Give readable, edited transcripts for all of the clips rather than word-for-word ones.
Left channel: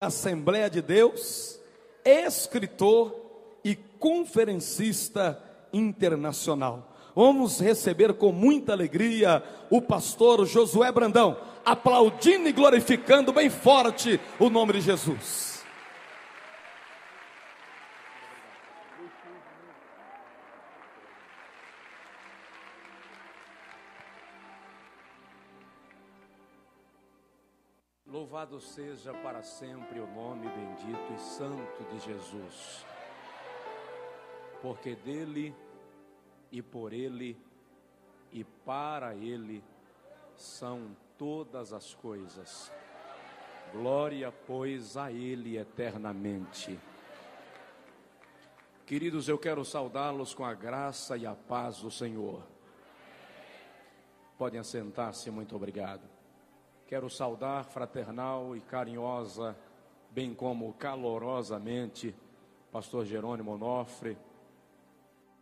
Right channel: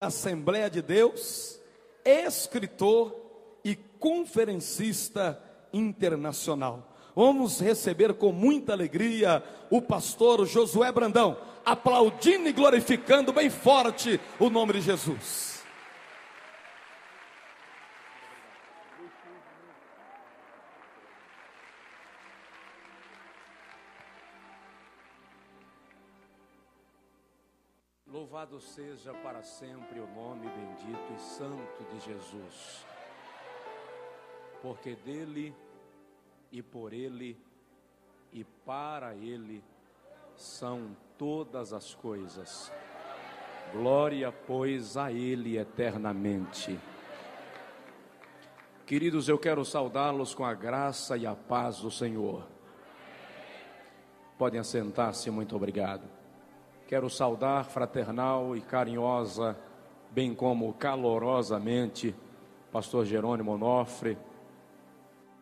Assembleia de Deus, escritor e conferencista internacional. Vamos receber com muita alegria o pastor Josué Brandão, aplaudindo e glorificando bem forte o nome de Jesus. Louvado seja para sempre o nome bendito e santo de Jesus, porque dele e por ele e para ele são todas as coisas. Glória, pois, a ele eternamente. Queridos, eu quero saudá-los com a graça e a paz do Senhor. Podem assentar-se, muito obrigado. Quero saudar fraternal e carinhosa, bem como calorosamente, pastor Jerônimo Onofre,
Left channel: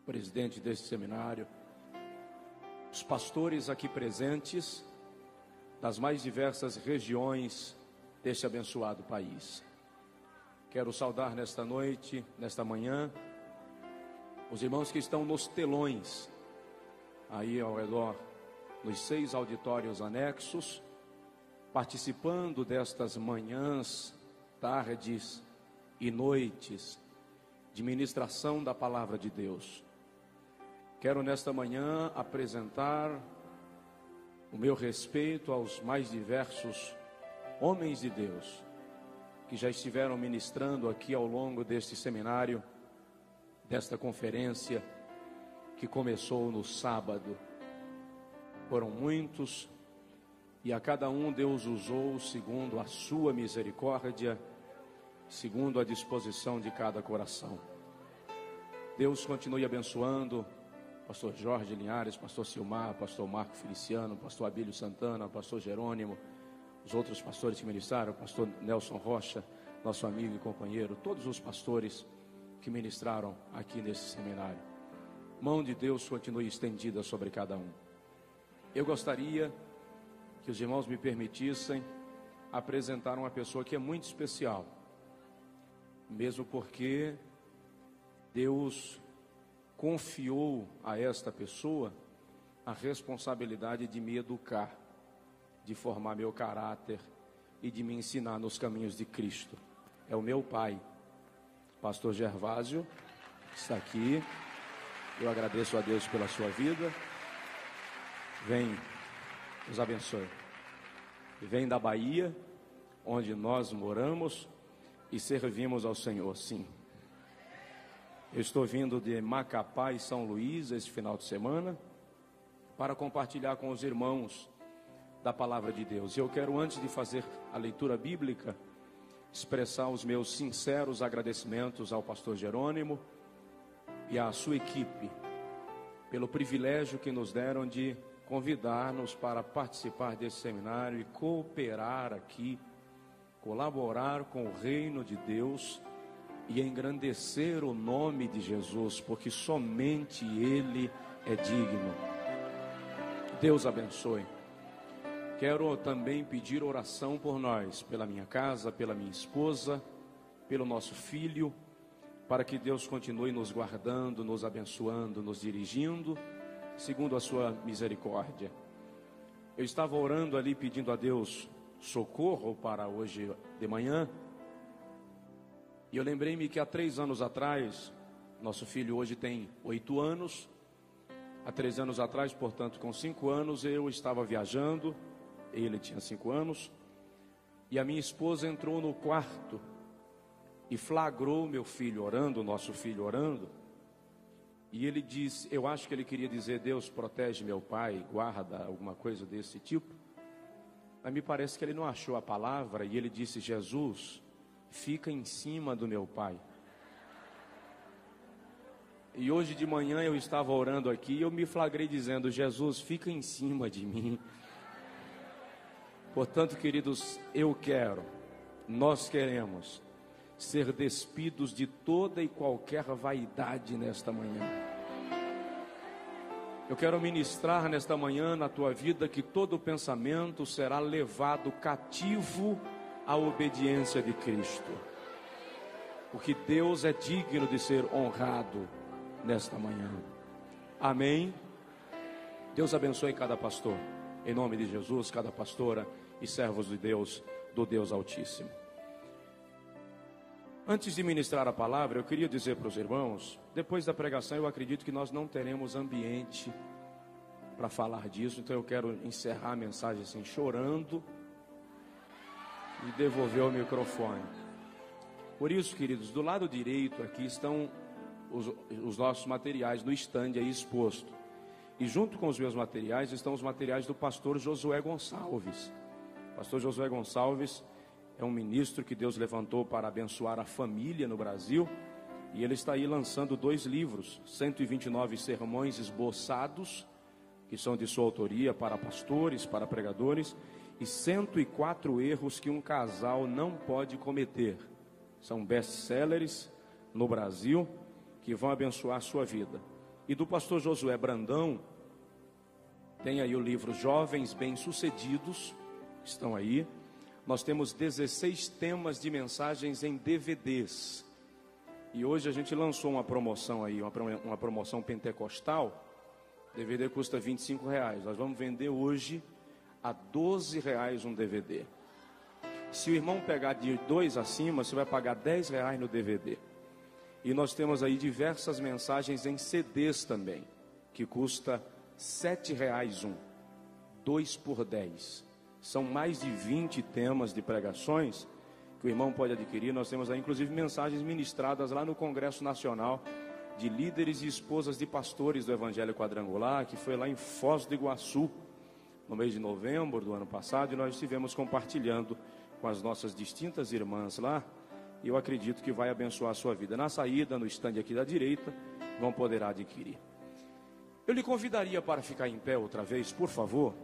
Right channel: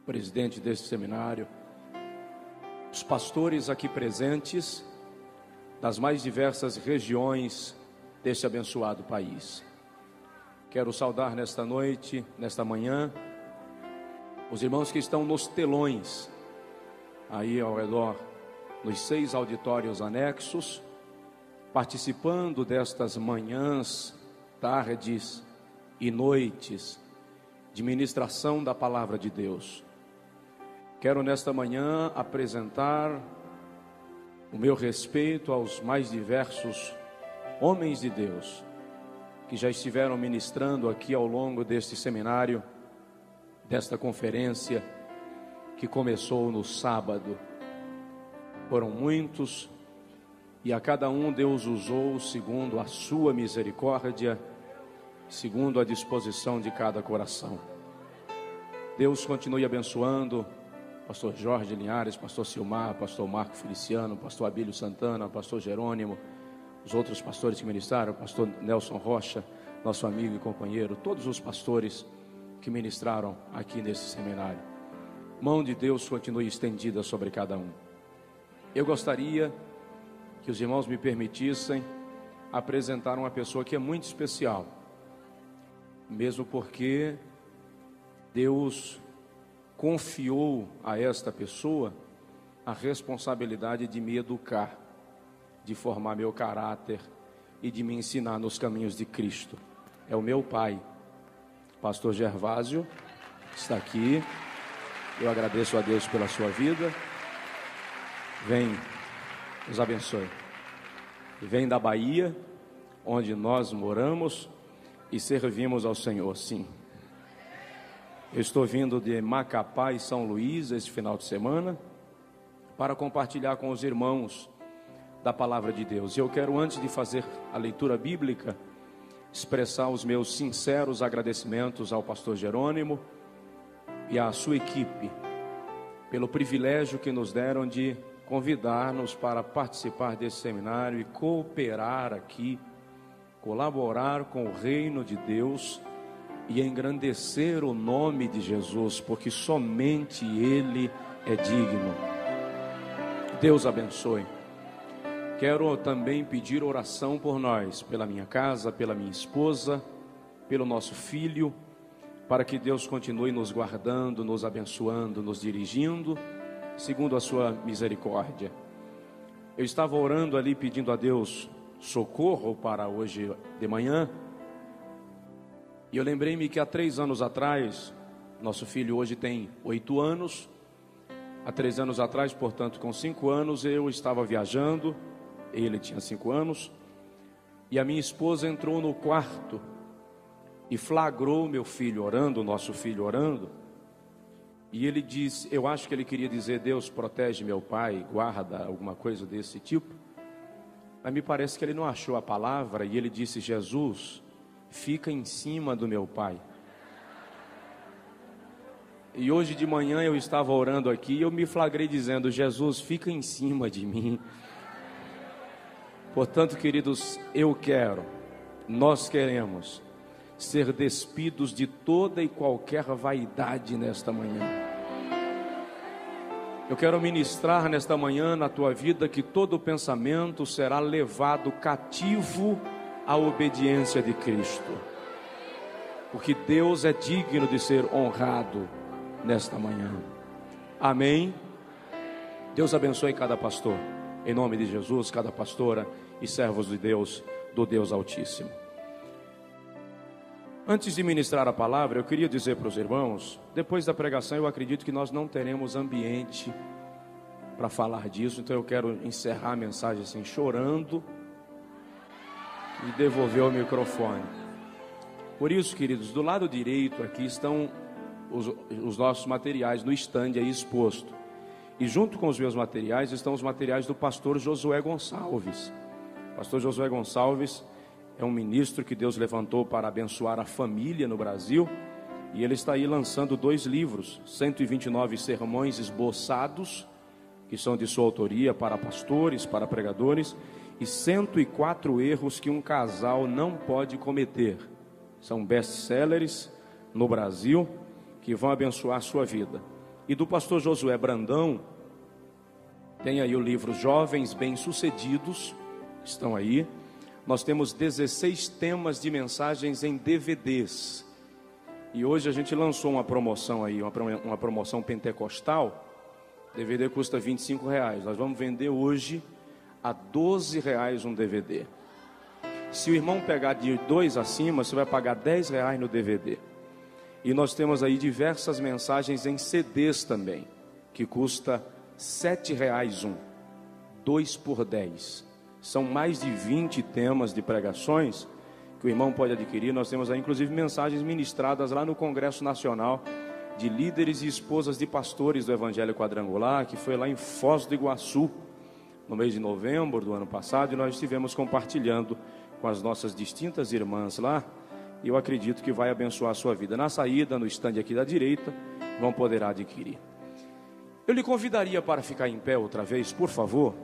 presidente deste seminário, os pastores aqui presentes, das mais diversas regiões deste abençoado país. Quero saudar nesta noite, nesta manhã, os irmãos que estão nos telões, aí ao redor, nos 6 auditórios anexos, participando destas manhãs, tardes e noites de ministração da palavra de Deus. Quero nesta manhã apresentar o meu respeito aos mais diversos homens de Deus que já estiveram ministrando aqui ao longo deste seminário, desta conferência que começou no sábado. Foram muitos, e a cada um Deus usou segundo a sua misericórdia, segundo a disposição de cada coração. Deus continue abençoando pastor Jorge Linhares, pastor Silmar, pastor Marco Feliciano, pastor Abílio Santana, pastor Jerônimo, os outros pastores que ministraram, pastor Nelson Rocha, nosso amigo e companheiro, todos os pastores que ministraram aqui nesse seminário. Mão de Deus continue estendida sobre cada um. Eu gostaria que os irmãos me permitissem apresentar uma pessoa que é muito especial, mesmo porque Deus confiou a esta pessoa a responsabilidade de me educar, de formar meu caráter e de me ensinar nos caminhos de Cristo. É o meu pai, pastor Gervásio, que está aqui. Eu agradeço a Deus pela sua vida. Vem, nos abençoe. Vem da Bahia, onde nós moramos e servimos ao Senhor, sim. Eu estou vindo de Macapá e São Luís esse final de semana para compartilhar com os irmãos da palavra de Deus. E eu quero, antes de fazer a leitura bíblica, expressar os meus sinceros agradecimentos ao pastor Jerônimo e à sua equipe pelo privilégio que nos deram de convidar-nos para participar desse seminário e cooperar aqui, colaborar com o reino de Deus e engrandecer o nome de Jesus, porque somente Ele é digno. Deus abençoe. Quero também pedir oração por nós, pela minha casa, pela minha esposa, pelo nosso filho, para que Deus continue nos guardando, nos abençoando, nos dirigindo, segundo a sua misericórdia. Eu estava orando ali, pedindo a Deus socorro para hoje de manhã, e eu lembrei-me que há 3 anos atrás, nosso filho hoje tem 8 anos, há 3 anos atrás, portanto com 5 anos, eu estava viajando, ele tinha 5 anos, e a minha esposa entrou no quarto e flagrou meu filho orando, nosso filho orando, e ele disse, eu acho que ele queria dizer, Deus protege meu pai, guarda, alguma coisa desse tipo, mas me parece que ele não achou a palavra, e ele disse, Jesus, fica em cima do meu pai. E hoje de manhã eu estava orando aqui, e eu me flagrei dizendo, Jesus, fica em cima de mim. Portanto, queridos, nós queremos ser despidos de toda e qualquer vaidade nesta manhã. Eu quero ministrar nesta manhã na tua vida que todo pensamento será levado cativo a obediência de Cristo, porque Deus é digno de ser honrado nesta manhã. Amém. Deus abençoe cada pastor, em nome de Jesus, cada pastora e servos de Deus, do Deus Altíssimo. Antes de ministrar a palavra, eu queria dizer para os irmãos, depois da pregação eu acredito que nós não teremos ambiente para falar disso, então eu quero encerrar a mensagem assim, chorando, e devolver o microfone. Por isso, queridos, do lado direito aqui estão os nossos materiais no stand aí exposto, e junto com os meus materiais estão os materiais do pastor Josué Gonçalves. Pastor Josué Gonçalves é um ministro que Deus levantou para abençoar a família no Brasil, e ele está aí lançando 2 livros, 129 sermões esboçados, que são de sua autoria, para pastores, para pregadores, e 104 erros que um casal não pode cometer. São best-sellers no Brasil, que vão abençoar a sua vida. E do pastor Josué Brandão, tem aí o livro Jovens Bem-Sucedidos, estão aí. Nós temos 16 temas de mensagens em DVDs. E hoje a gente lançou uma promoção aí, uma promoção pentecostal. DVD custa R$25. Nós vamos vender hoje a R$12 um DVD. Se o irmão pegar de 2 acima, você vai pagar R$10 no DVD. E nós temos aí diversas mensagens em CDs também, que custa R$7 um, 2 por 10. São mais de 20 temas de pregações que o irmão pode adquirir. Nós temos aí inclusive mensagens ministradas lá no Congresso Nacional de líderes e esposas de pastores do Evangelho Quadrangular, que foi lá em Foz do Iguaçu, no mês de novembro do ano passado, e nós estivemos compartilhando com as nossas distintas irmãs lá, e eu acredito que vai abençoar a sua vida. Na saída, no estande aqui da direita, vão poder adquirir. Eu lhe convidaria para ficar em pé outra vez, por favor.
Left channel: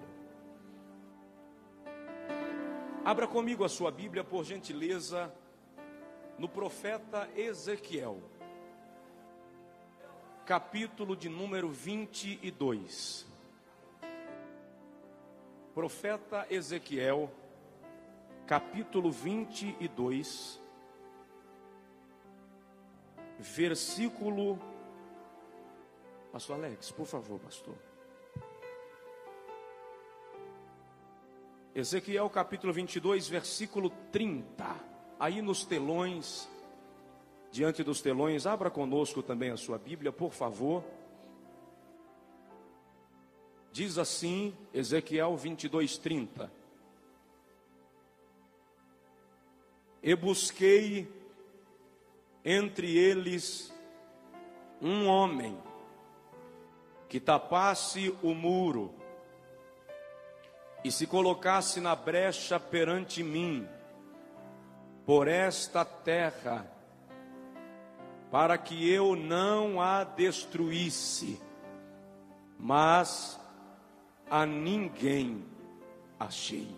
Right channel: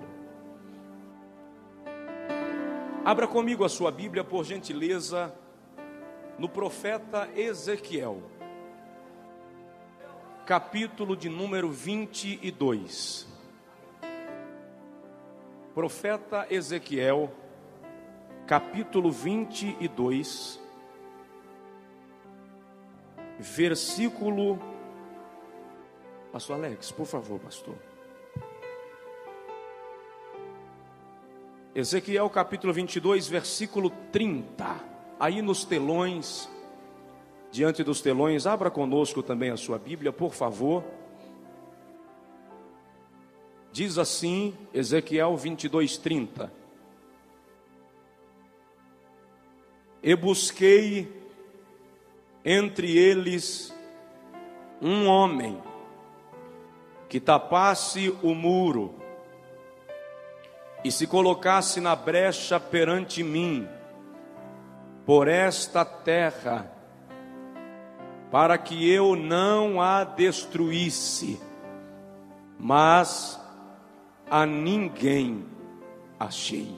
Abra comigo a sua Bíblia, por gentileza, no profeta Ezequiel, capítulo de número 22. Profeta Ezequiel, capítulo 22, versículo... Pastor Alex, por favor, pastor. Ezequiel capítulo 22, versículo 30. Aí nos telões, diante dos telões, abra conosco também a sua Bíblia, por favor. Diz assim, Ezequiel 22, 30. E busquei entre eles um homem que tapasse o muro e se colocasse na brecha perante mim, por esta terra, para que eu não a destruísse, mas a ninguém achei.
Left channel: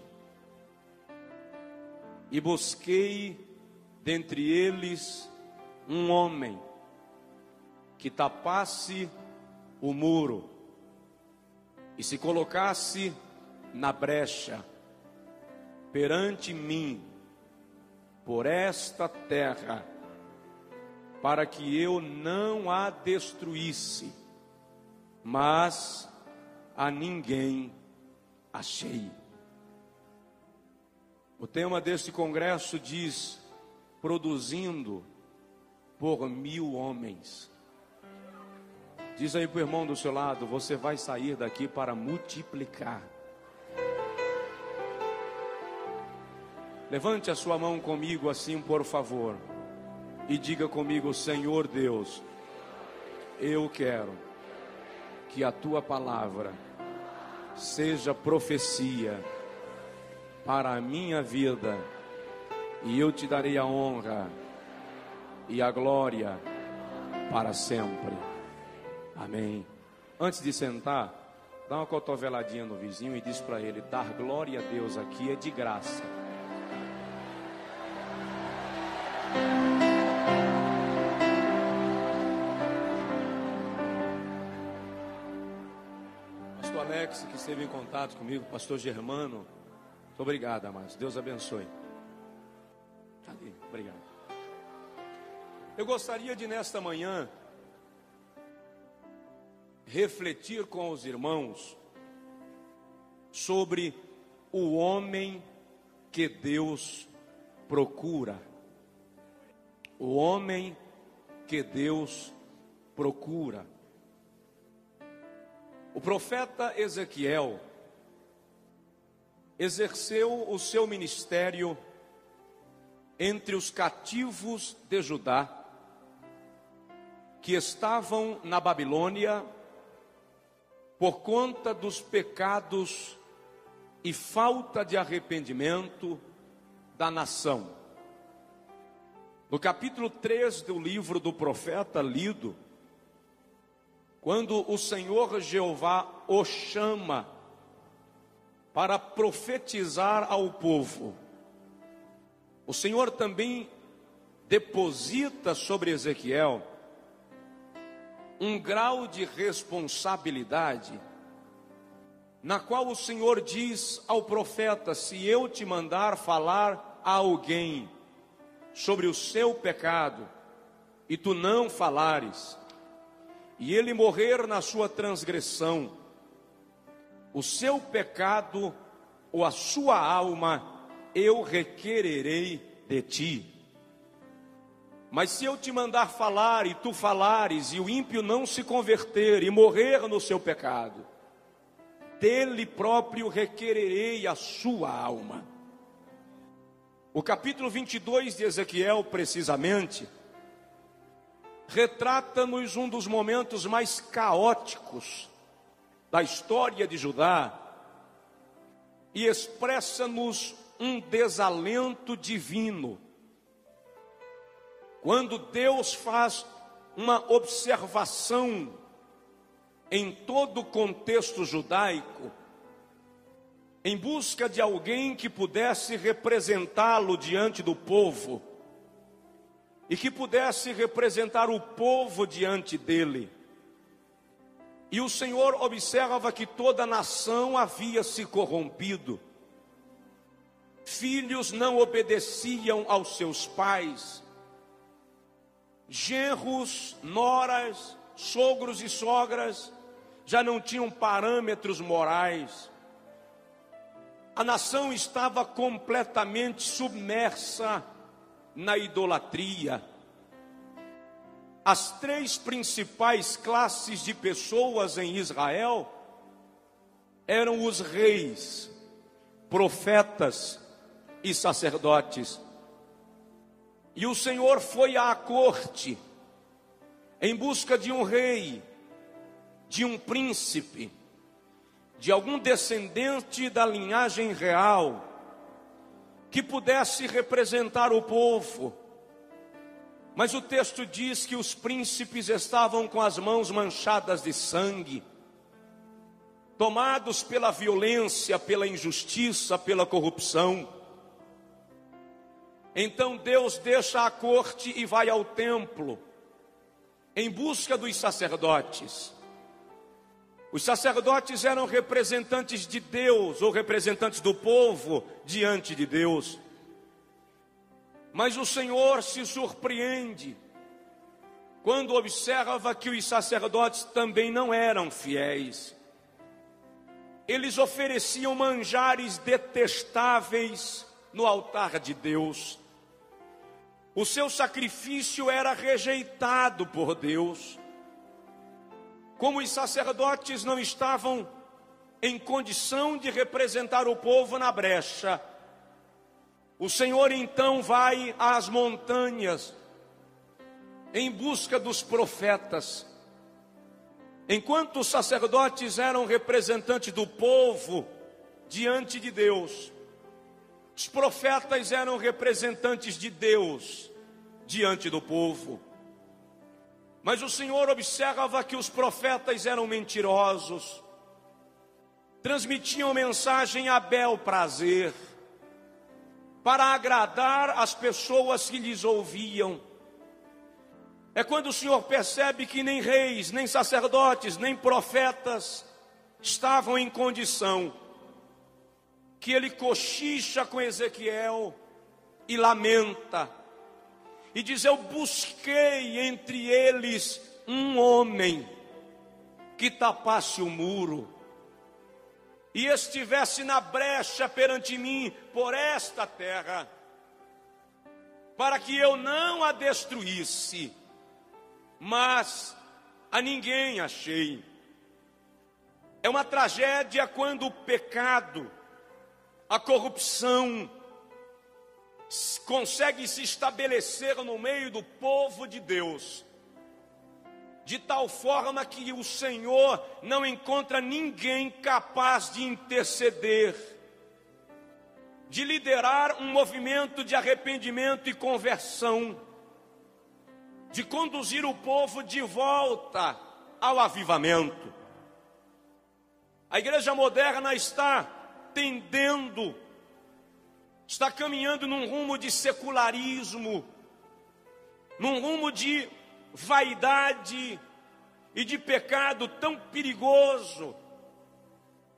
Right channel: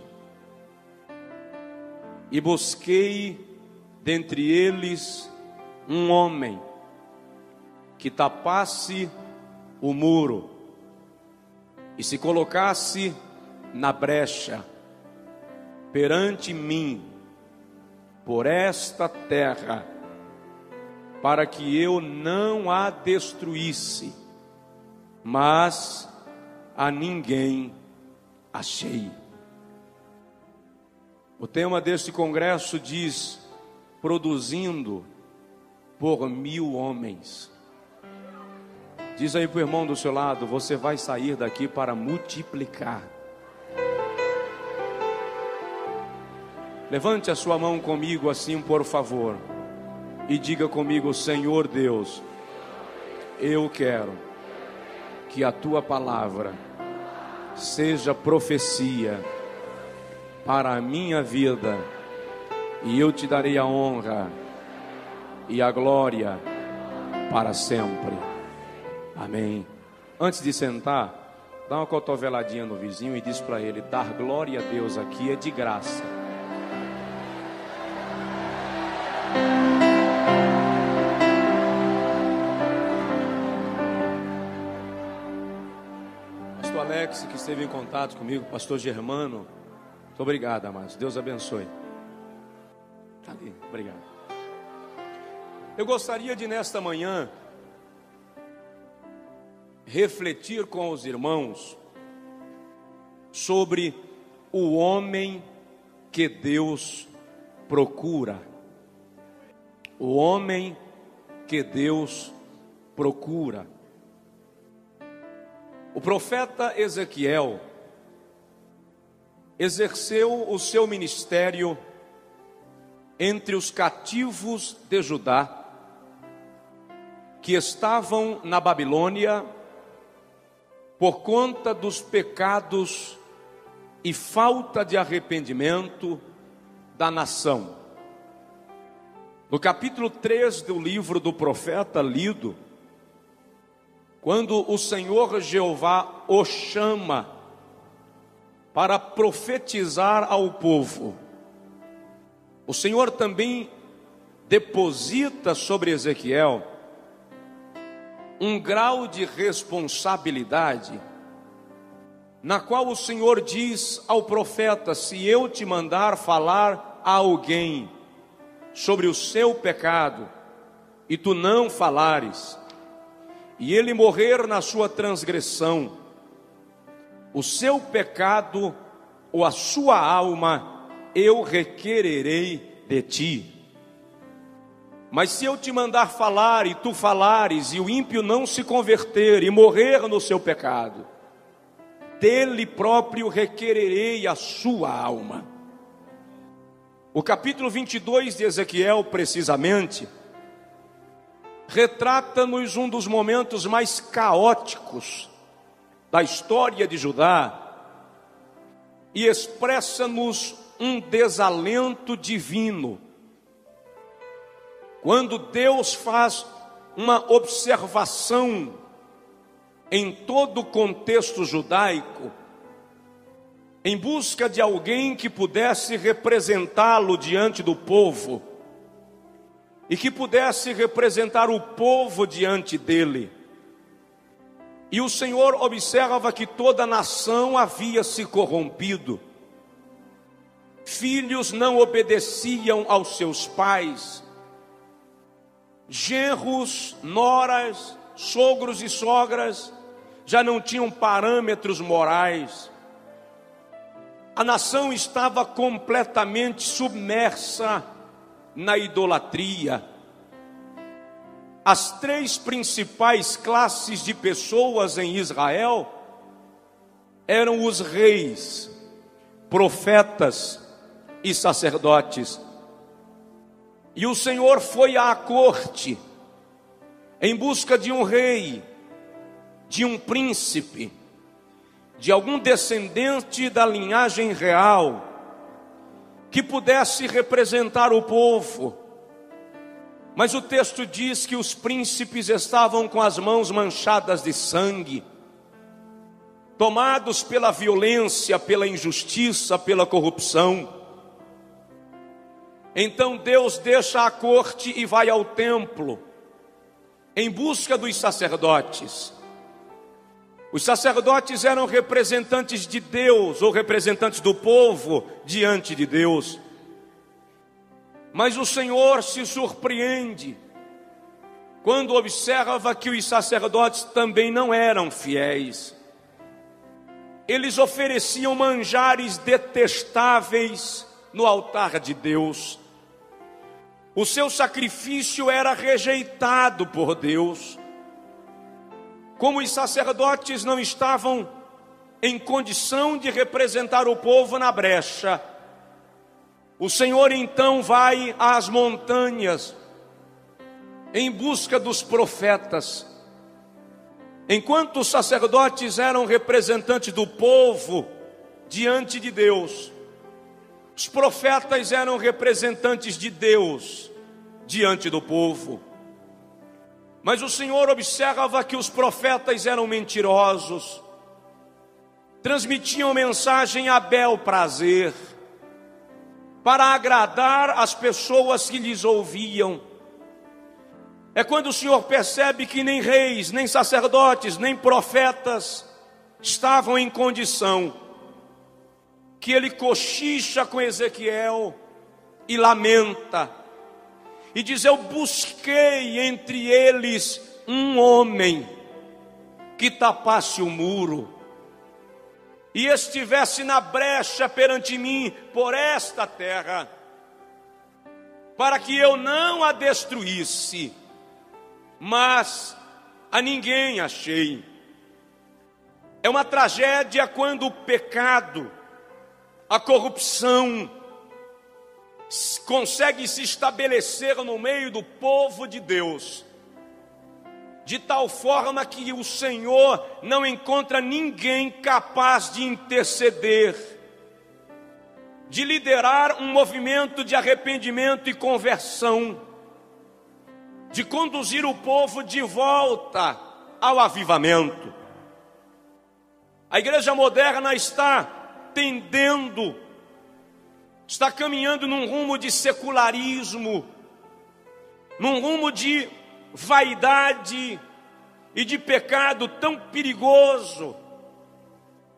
E busquei dentre eles um homem que tapasse o muro e se colocasse na brecha perante mim, por esta terra, para que eu não a destruísse, mas a ninguém achei. O tema deste congresso diz: produzindo por 1000 homens. Diz aí para o irmão do seu lado: você vai sair daqui para multiplicar. Levante a sua mão comigo assim, por favor, e diga comigo: Senhor Deus, eu quero que a tua palavra seja profecia para a minha vida, e eu te darei a honra e a glória para sempre. Amém. Antes de sentar, dá uma cotoveladinha no vizinho e diz para ele: dar glória a Deus aqui é de graça. Pastor Alex, que esteve em contato comigo, pastor Germano, muito obrigado, amados. Deus abençoe. Obrigado. Eu gostaria de, nesta manhã, refletir com os irmãos sobre o homem que Deus procura. O homem que Deus procura. O profeta Ezequiel exerceu o seu ministério entre os cativos de Judá, que estavam na Babilônia por conta dos pecados e falta de arrependimento da nação. No capítulo 3 do livro do profeta lido, quando o Senhor Jeová o chama para profetizar ao povo, o Senhor também deposita sobre Ezequiel um grau de responsabilidade, na qual o Senhor diz ao profeta: se eu te mandar falar a alguém sobre o seu pecado, e tu não falares, e ele morrer na sua transgressão, o seu pecado ou a sua alma eu requererei de ti. Mas se eu te mandar falar e tu falares, e o ímpio não se converter e morrer no seu pecado, dele próprio requererei a sua alma. O capítulo 22 de Ezequiel, precisamente, retrata-nos um dos momentos mais caóticos da história de Judá e expressa-nos um desalento divino. Quando Deus faz uma observação em todo o contexto judaico, em busca de alguém que pudesse representá-lo diante do povo, e que pudesse representar o povo diante dele. E o Senhor observa que toda a nação havia se corrompido. Filhos não obedeciam aos seus pais. Genros, noras, sogros e sogras já não tinham parâmetros morais. A nação estava completamente submersa na idolatria. As três principais classes de pessoas em Israel eram os reis, profetas e sacerdotes. E o Senhor foi à corte em busca de um rei, de um príncipe, de algum descendente da linhagem real, que pudesse representar o povo. Mas o texto diz que os príncipes estavam com as mãos manchadas de sangue, tomados pela violência, pela injustiça, pela corrupção. Então Deus deixa a corte e vai ao templo, em busca dos sacerdotes. Os sacerdotes eram representantes de Deus, ou representantes do povo diante de Deus. Mas o Senhor se surpreende quando observa que os sacerdotes também não eram fiéis. Eles ofereciam manjares detestáveis no altar de Deus. O seu sacrifício era rejeitado por Deus. Como os sacerdotes não estavam em condição de representar o povo na brecha, o Senhor então vai às montanhas em busca dos profetas. Enquanto os sacerdotes eram representantes do povo diante de Deus, os profetas eram representantes de Deus diante do povo. Mas o Senhor observa que os profetas eram mentirosos, transmitiam mensagem a bel prazer, para agradar as pessoas que lhes ouviam. É quando o Senhor percebe que nem reis, nem sacerdotes, nem profetas estavam em condição, que ele cochicha com Ezequiel e lamenta e diz: eu busquei entre eles um homem que tapasse o muro e estivesse na brecha perante mim por esta terra, para que eu não a destruísse, mas a ninguém achei. É uma tragédia quando o pecado, a corrupção, consegue se estabelecer no meio do povo de Deus, de tal forma que o Senhor não encontra ninguém capaz de interceder, de liderar um movimento de arrependimento e conversão, de conduzir o povo de volta ao avivamento. A igreja moderna está tendendo, está caminhando num rumo de secularismo, num rumo de vaidade e de pecado tão perigoso,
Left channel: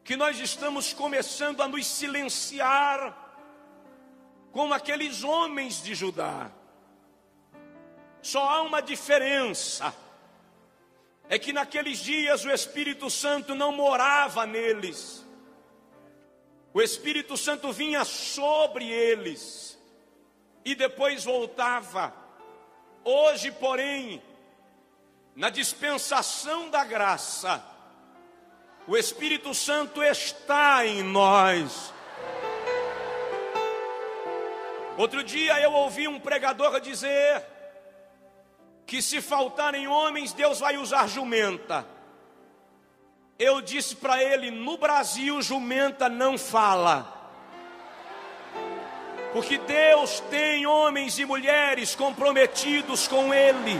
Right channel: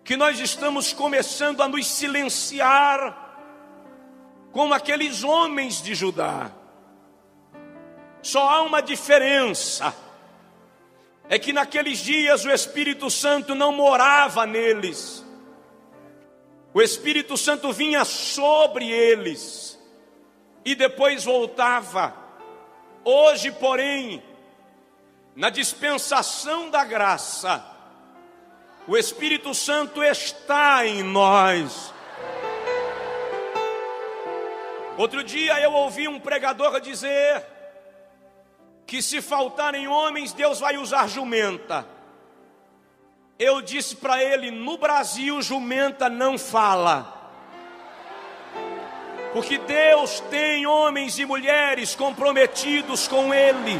que nós estamos começando a nos silenciar como aqueles homens de Judá. Só há uma diferença, é que naqueles dias o Espírito Santo não morava neles, o Espírito Santo vinha sobre eles e depois voltava. Hoje, porém, na dispensação da graça, o Espírito Santo está em nós. Outro dia eu ouvi um pregador dizer que se faltarem homens, Deus vai usar jumenta. Eu disse para ele: no Brasil, jumenta não fala. Porque Deus tem homens e mulheres comprometidos com Ele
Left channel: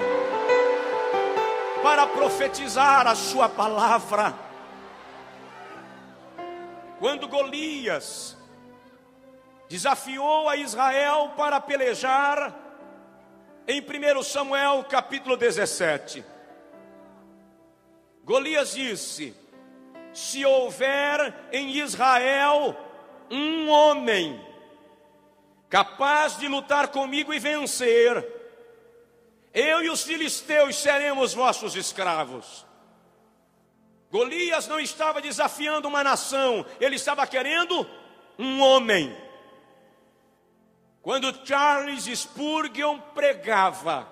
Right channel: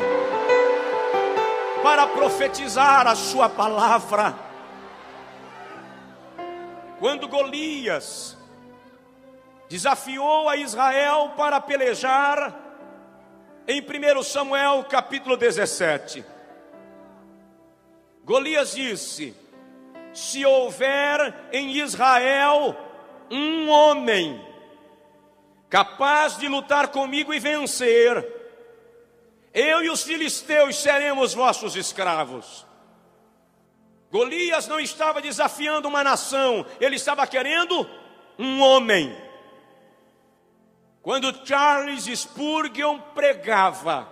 para profetizar a sua palavra. Quando Golias desafiou a Israel para pelejar, em 1 Samuel capítulo 17, Golias disse: se houver em Israel um homem capaz de lutar comigo e vencer, eu e os filisteus seremos vossos escravos. Golias não estava desafiando uma nação, ele estava querendo um homem. Quando Charles Spurgeon pregava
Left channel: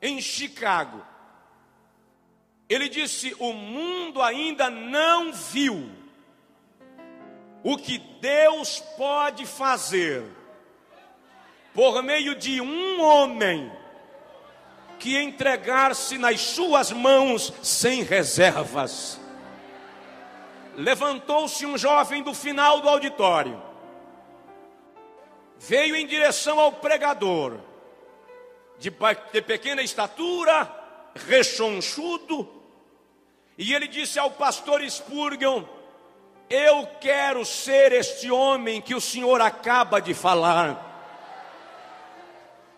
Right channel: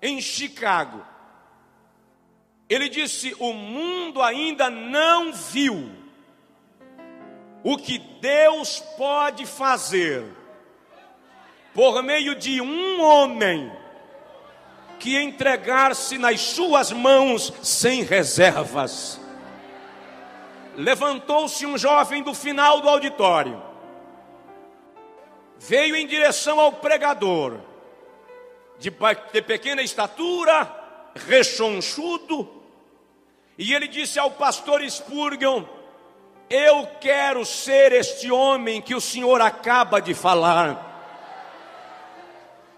em Chicago, ele disse: o mundo ainda não viu o que Deus pode fazer por meio de um homem que entregar-se nas suas mãos sem reservas. Levantou-se um jovem do final do auditório, veio em direção ao pregador, de pequena estatura, rechonchudo, e ele disse ao pastor Spurgeon: eu quero ser este homem que o senhor acaba de falar.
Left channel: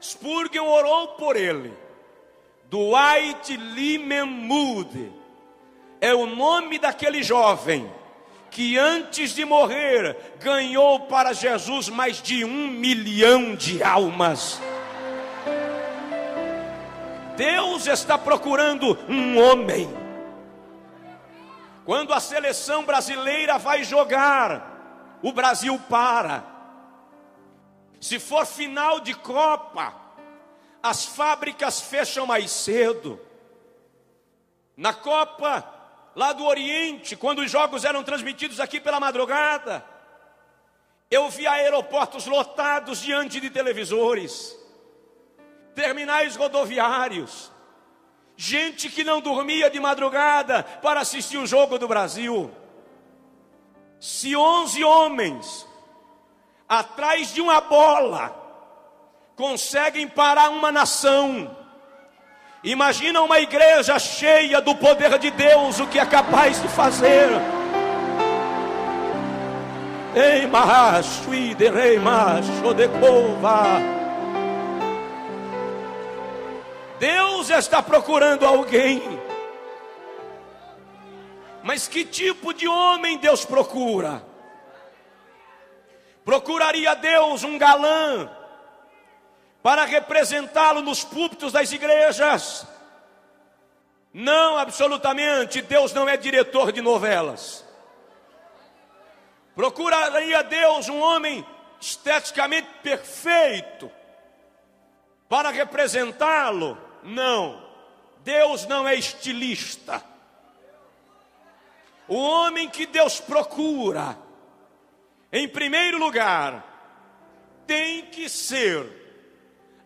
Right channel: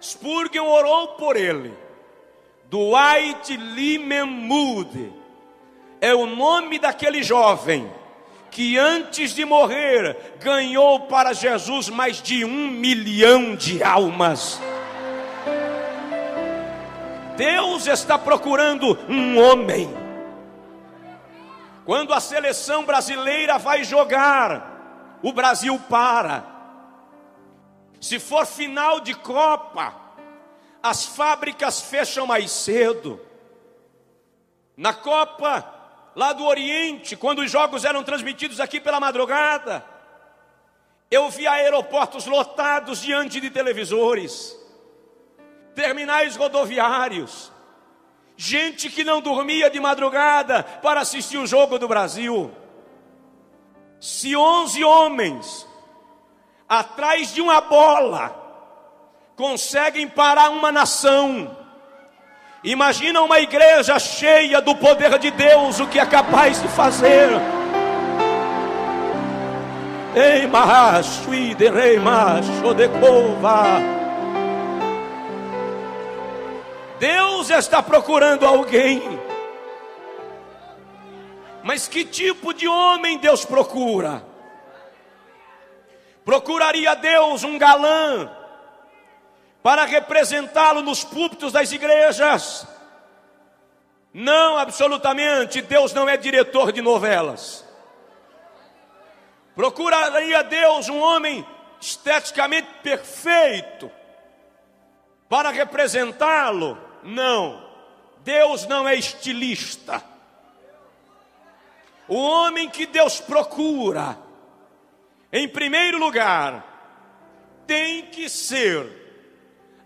Spurgeon orou por ele. Dwight Lyman Moody é o nome daquele jovem que antes de morrer ganhou para Jesus mais de 1 milhão de almas. Deus está procurando um homem. Quando a seleção brasileira vai jogar, o Brasil para. Se for final de Copa, as fábricas fecham mais cedo. Na Copa lá do Oriente, quando os jogos eram transmitidos aqui pela madrugada, eu vi aeroportos lotados diante de televisores, terminais rodoviários, gente que não dormia de madrugada para assistir o jogo do Brasil. Se 11 homens atrás de uma bola conseguem parar uma nação, imagina uma igreja cheia do poder de Deus, o que é capaz de fazer. Ei, macho, rei macho de cova. Deus está procurando alguém. Mas que tipo de homem Deus procura? Procuraria Deus um galã para representá-lo nos púlpitos das igrejas. Não, absolutamente, Deus não é diretor de novelas. Procuraria Deus um homem esteticamente perfeito para representá-lo? Não, Deus não é estilista. O homem que Deus procura, em primeiro lugar, tem que ser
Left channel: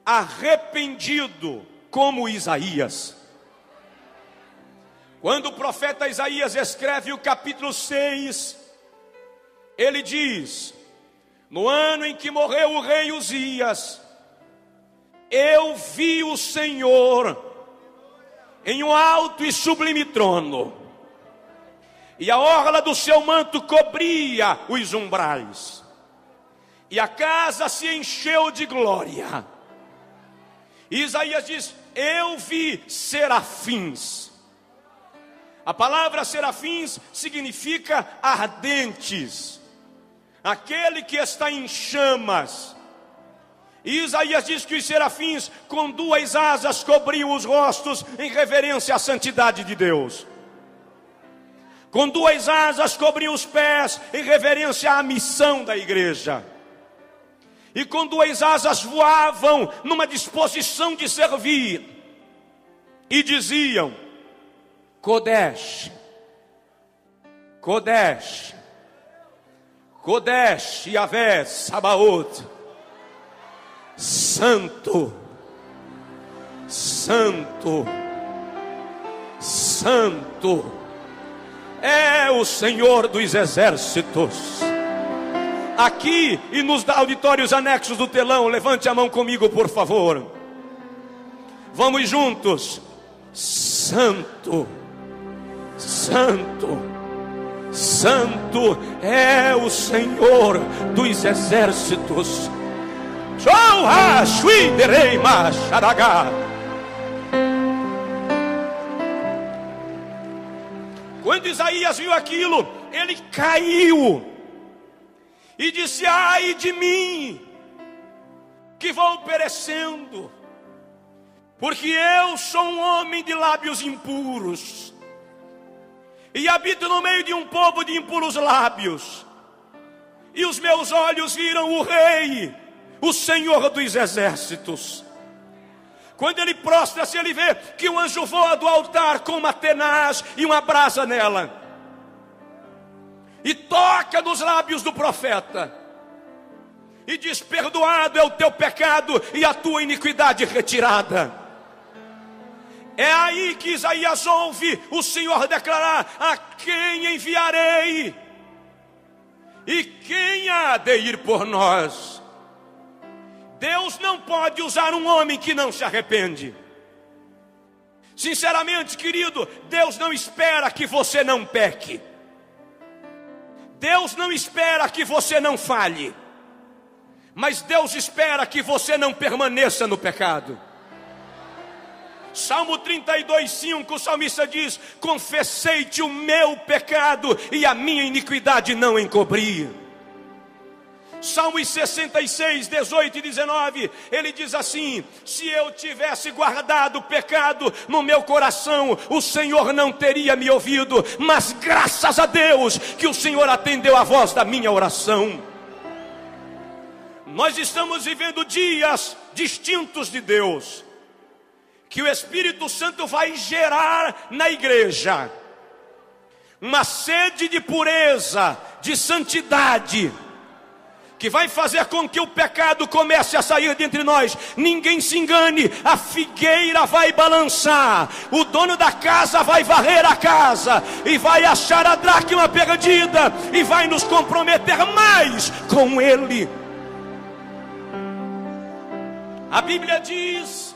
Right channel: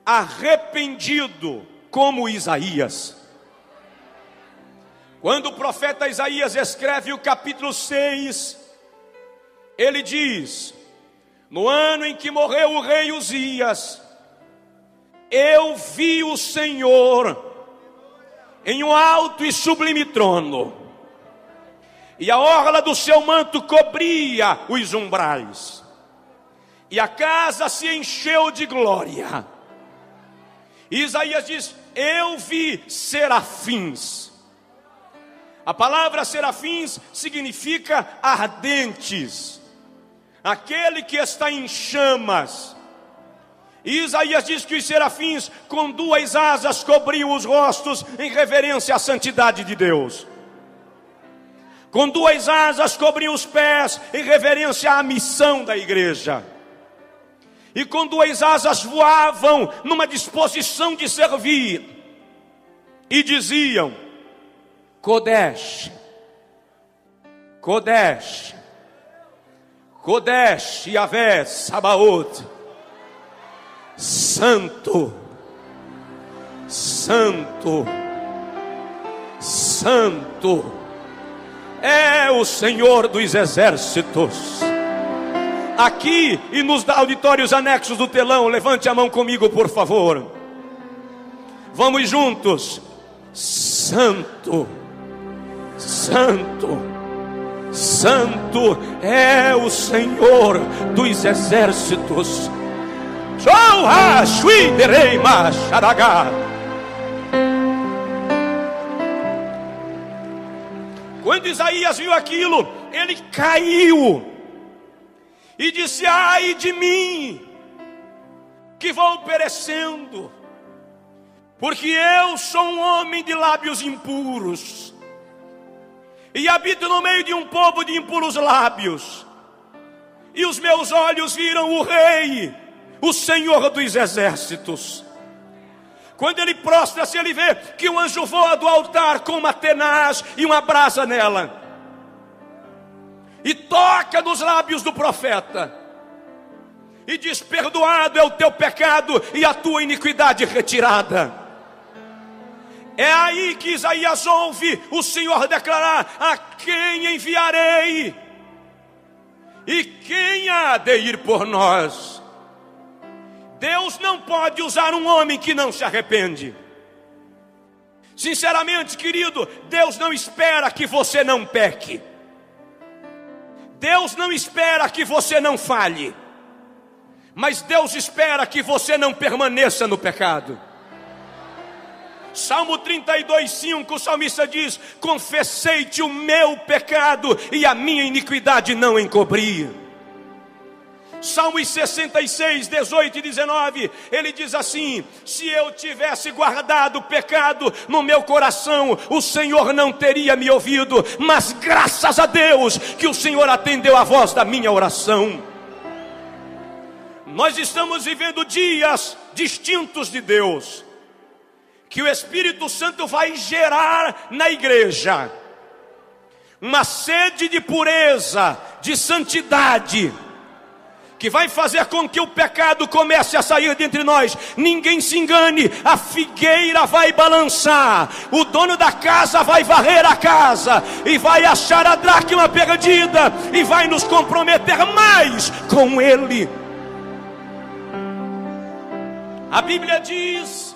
arrependido como Isaías. Quando o profeta Isaías escreve o capítulo 6, ele diz: no ano em que morreu o rei Uzias, eu vi o Senhor em um alto e sublime trono, e a orla do seu manto cobria os umbrais, e a casa se encheu de glória. E Isaías diz: eu vi serafins. A palavra serafins significa ardentes, aquele que está em chamas. E Isaías diz que os serafins com duas asas cobriam os rostos em reverência à santidade de Deus. Com duas asas cobriam os pés em reverência à missão da igreja. E com duas asas voavam numa disposição de servir. E diziam: Kodesh, Kodesh, Kodesh Yahvé Sabaoth, Santo, Santo, Santo é o Senhor dos exércitos. Aqui e nos auditórios anexos do telão, levante a mão comigo, por favor. Vamos juntos. Santo, Santo, Santo é o Senhor dos exércitos. Quando Isaías viu aquilo, ele caiu e disse: ai de mim, que vou perecendo, porque eu sou um homem de lábios impuros, e habito no meio de um povo de impuros lábios, e os meus olhos viram o Rei, o Senhor dos exércitos. Quando ele prostra-se, ele vê que um anjo voa do altar com uma tenaz e uma brasa nela, e toca nos lábios do profeta, e diz: perdoado é o teu pecado e a tua iniquidade retirada. É aí que Isaías ouve o Senhor declarar: a quem enviarei? E quem há de ir por nós? Deus não pode usar um homem que não se arrepende. Sinceramente, querido, Deus não espera que você não peque. Deus não espera que você não falhe. Mas Deus espera que você não permaneça no pecado. Salmo 32:5, o salmista diz: confessei-te o meu pecado e a minha iniquidade não encobri. Salmos 66, 18 e 19, ele diz assim: se eu tivesse guardado o pecado no meu coração, o Senhor não teria me ouvido, mas graças a Deus que o Senhor atendeu a voz da minha oração. Nós estamos vivendo dias distintos de Deus, que o Espírito Santo vai gerar na igreja uma sede de pureza, de santidade, que vai fazer com que o pecado comece a sair de entre nós. Ninguém se engane, a figueira vai balançar, o dono da casa vai varrer a casa, e vai achar a dracma perdida, e vai nos comprometer mais com ele. A Bíblia diz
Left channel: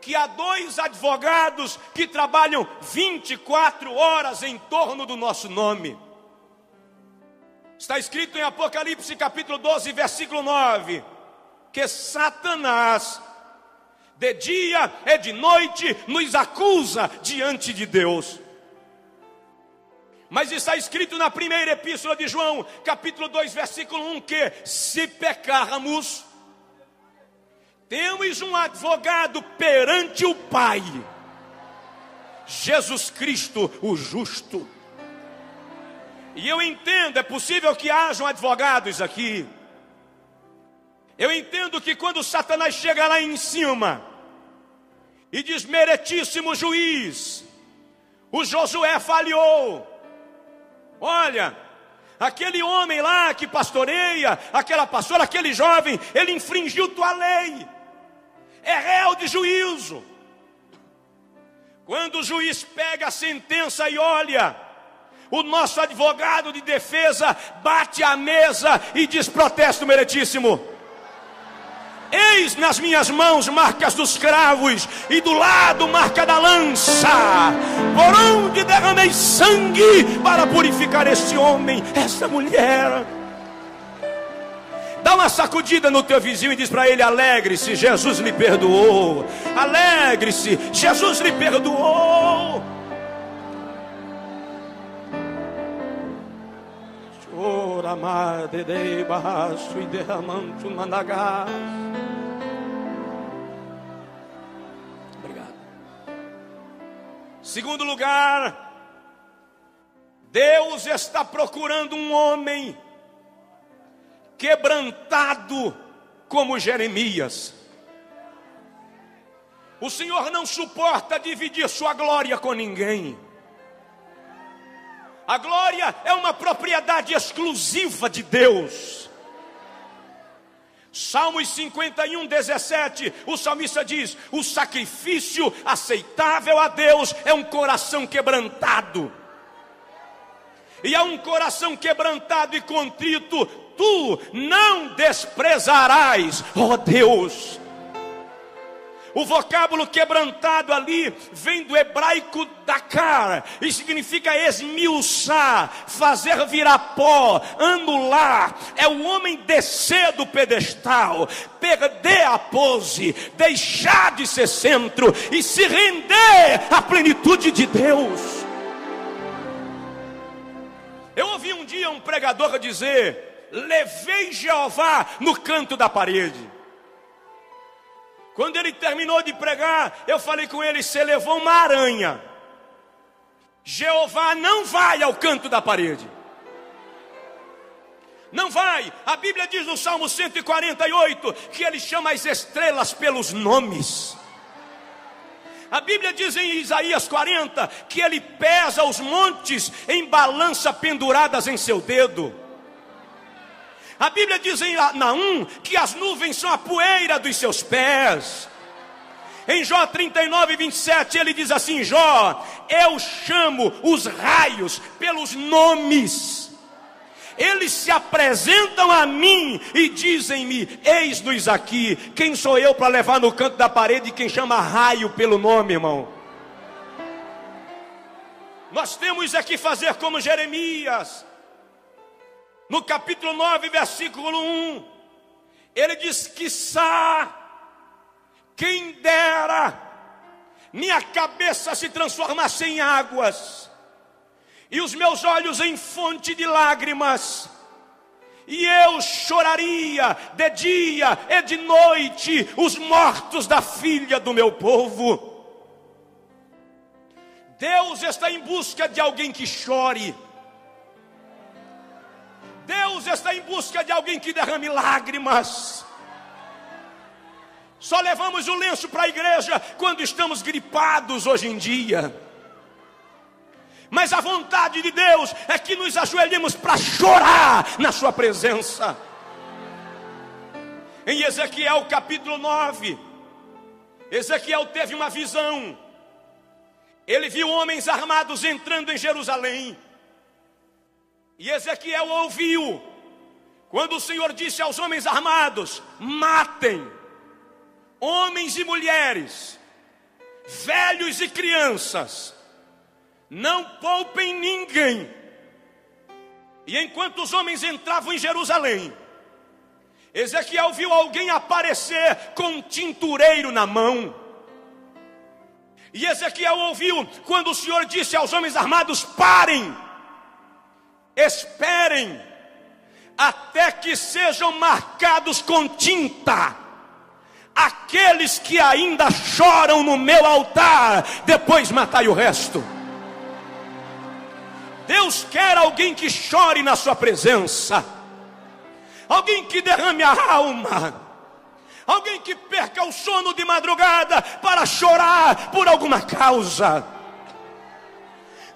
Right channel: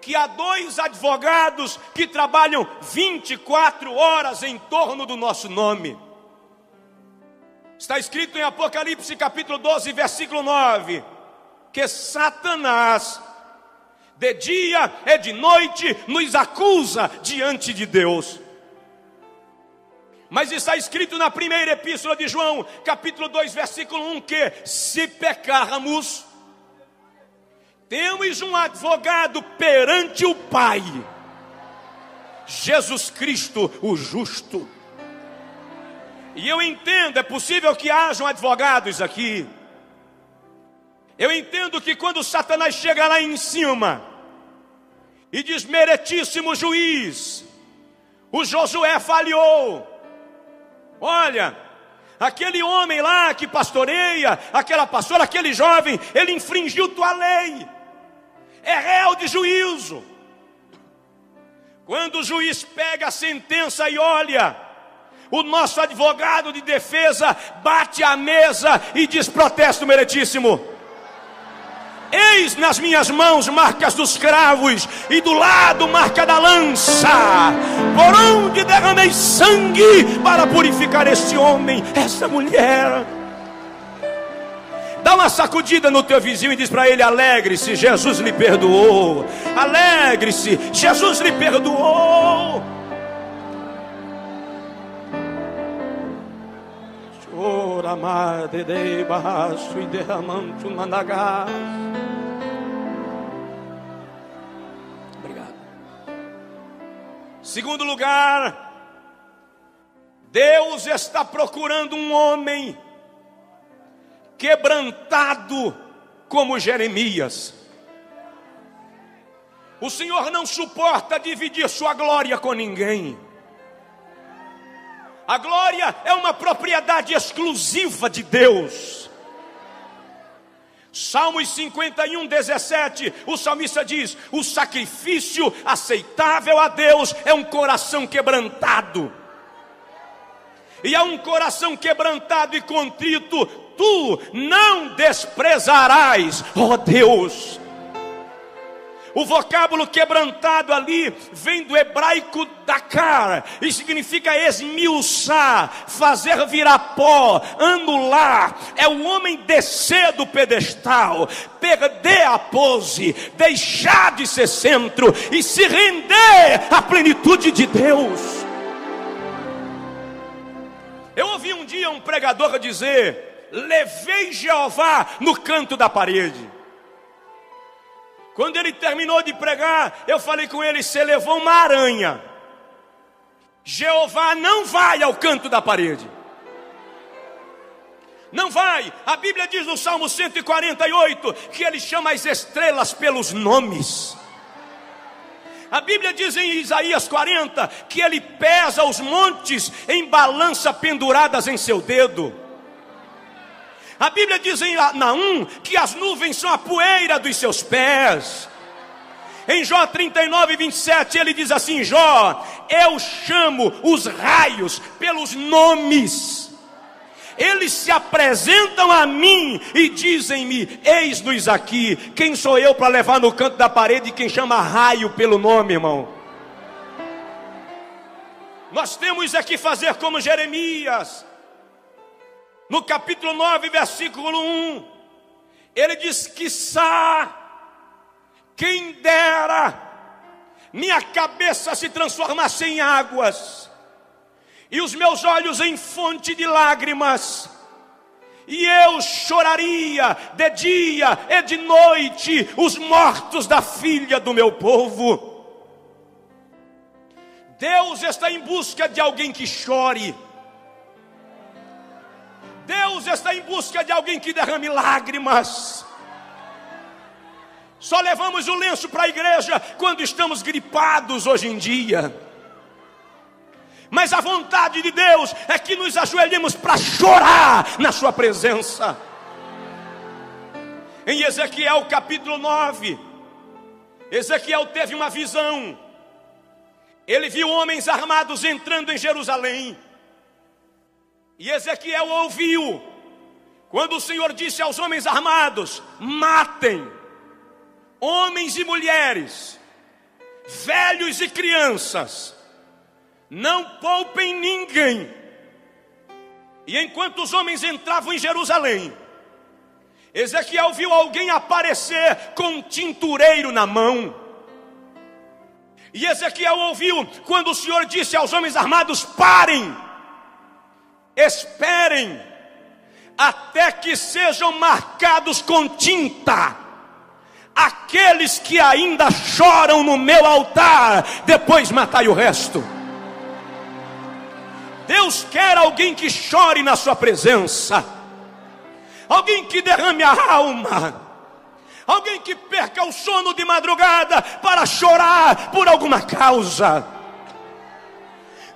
que há 2 advogados que trabalham 24 horas em torno do nosso nome. Está escrito em Apocalipse capítulo 12, versículo 9, que Satanás, de dia e de noite, nos acusa diante de Deus. Mas está escrito na primeira epístola de João, capítulo 2, versículo 1, que se pecarmos, Temos um advogado perante o Pai, Jesus Cristo, o justo. E eu entendo, é possível que hajam advogados aqui. Eu entendo que quando Satanás chega lá em cima e diz: meritíssimo juiz, o Josué falhou. Olha, aquele homem lá que pastoreia, aquela pastora, aquele jovem, ele infringiu tua lei, é réu de juízo. Quando o juiz pega a sentença e olha, o nosso advogado de defesa bate a mesa e diz: protesto meritíssimo. Eis nas minhas mãos marcas dos cravos e do lado marca da lança, por onde derramei sangue para purificar este homem, essa mulher. Dá uma sacudida no teu vizinho e diz para ele: alegre-se, Jesus lhe perdoou. Alegre-se, Jesus lhe perdoou. Ora madre de baixo e derramando managá. Segundo lugar, Deus está procurando um homem quebrantado como Jeremias. O Senhor não suporta dividir sua glória com ninguém. A glória é uma propriedade exclusiva de Deus. Salmos 51, 17, o salmista diz: o sacrifício aceitável a Deus é um coração quebrantado. E a um coração quebrantado e contrito, tu não desprezarás, ó Deus. O vocábulo quebrantado ali vem do hebraico dakar e significa esmiuçar, fazer virar pó, anular. É o homem descer do pedestal, perder a pose, deixar de ser centro e se render à plenitude de Deus. Eu ouvi um dia um pregador dizer: levei Jeová no canto da parede. Quando ele terminou de pregar, eu falei com ele: você levou uma aranha. Jeová não vai ao canto da parede. Não vai. A Bíblia diz no Salmo 148 que ele chama as estrelas pelos nomes. A Bíblia diz em Isaías 40 que ele pesa os montes em balança penduradas em seu dedo. A Bíblia diz em Naum que as nuvens são a poeira dos seus pés. Em Jó 39, 27 ele diz assim: Jó, eu chamo os raios pelos nomes. Eles se apresentam a mim e dizem-me: eis-nos aqui. Quem sou eu para levar no canto da parede quem chama raio pelo nome, irmão? Nós temos aqui fazer como Jeremias. No capítulo 9, versículo 1, ele diz: quiçá, quem dera, minha cabeça se transformasse em águas, e os meus olhos em fonte de lágrimas, e eu choraria de dia e de noite os mortos da filha do meu povo. Deus está em busca de alguém que chore. Deus está em busca de alguém que derrame lágrimas. Só levamos o lenço para a igreja quando estamos gripados hoje em dia. Mas a vontade de Deus é que nos ajoelhemos para chorar na sua presença. Em Ezequiel capítulo 9, Ezequiel teve uma visão. Ele viu homens armados entrando em Jerusalém. E Ezequiel ouviu quando o Senhor disse aos homens armados: matem homens e mulheres, velhos e crianças, não poupem ninguém. E enquanto os homens entravam em Jerusalém, Ezequiel viu alguém aparecer com um tintureiro na mão. E Ezequiel ouviu quando o Senhor disse aos homens armados: parem, esperem até que sejam marcados com tinta aqueles que ainda choram no meu altar, depois matai o resto. Deus quer alguém que chore na sua presença, alguém que derrame a alma, alguém que perca o sono de madrugada para chorar por alguma causa.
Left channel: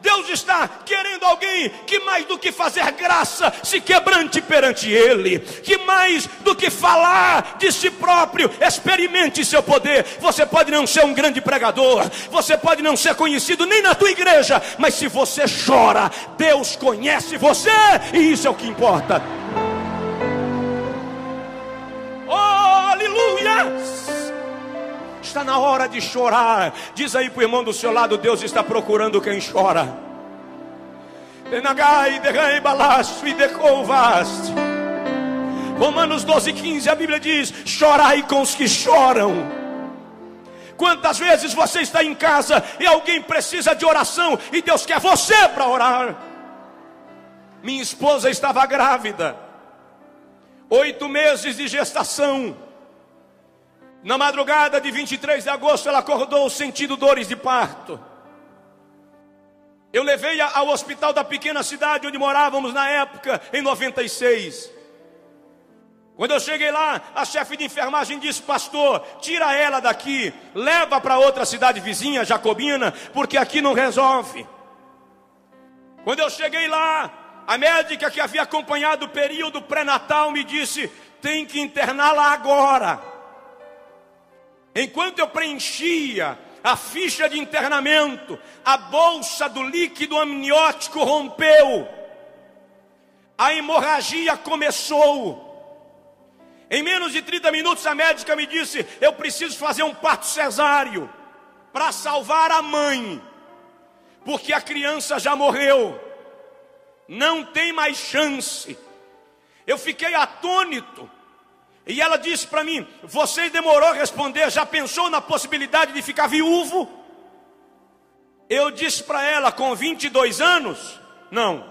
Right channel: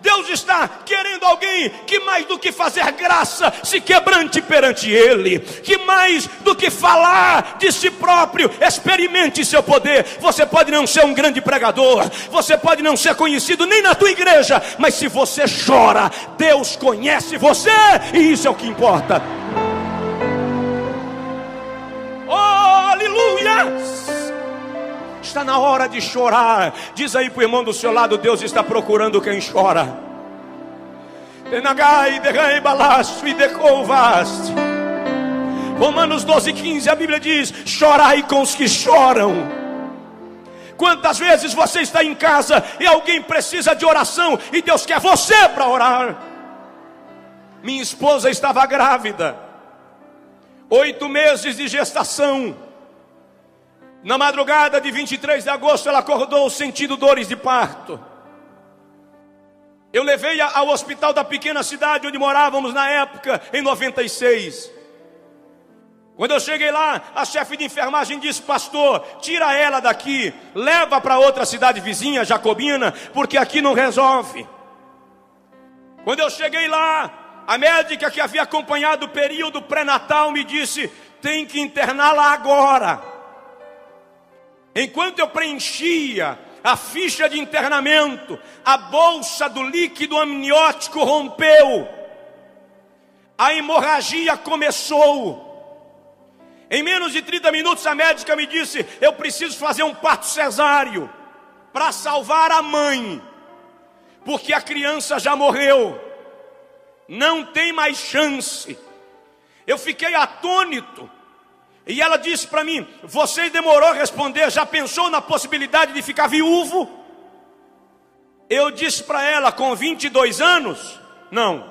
Deus está querendo alguém que mais do que fazer graça, se quebrante perante Ele, que mais do que falar de si próprio, experimente seu poder. Você pode não ser um grande pregador, você pode não ser conhecido nem na tua igreja, mas se você chora, Deus conhece você, e isso é o que importa. Oh, aleluia! Está na hora de chorar. Diz aí para o irmão do seu lado: Deus está procurando quem chora. Romanos 12:15, a Bíblia diz: chorai com os que choram. Quantas vezes você está em casa e alguém precisa de oração e Deus quer você para orar? Minha esposa estava grávida, 8 meses de gestação. Na madrugada de 23 de agosto, ela acordou sentindo dores de parto. Eu levei-a ao hospital da pequena cidade onde morávamos na época, em 96. Quando eu cheguei lá, a chefe de enfermagem disse: pastor, tira ela daqui, leva para outra cidade vizinha, Jacobina, porque aqui não resolve. Quando eu cheguei lá, a médica que havia acompanhado o período pré-natal me disse: tem que interná-la agora. Enquanto eu preenchia a ficha de internamento, a bolsa do líquido amniótico rompeu. A hemorragia começou. Em menos de 30 minutos a médica me disse: eu preciso fazer um parto cesáreo para salvar a mãe, porque a criança já morreu. Não tem mais chance. Eu fiquei atônito. E ela disse para mim: você demorou a responder, já pensou na possibilidade de ficar viúvo? Eu disse para ela: com 22 anos, não.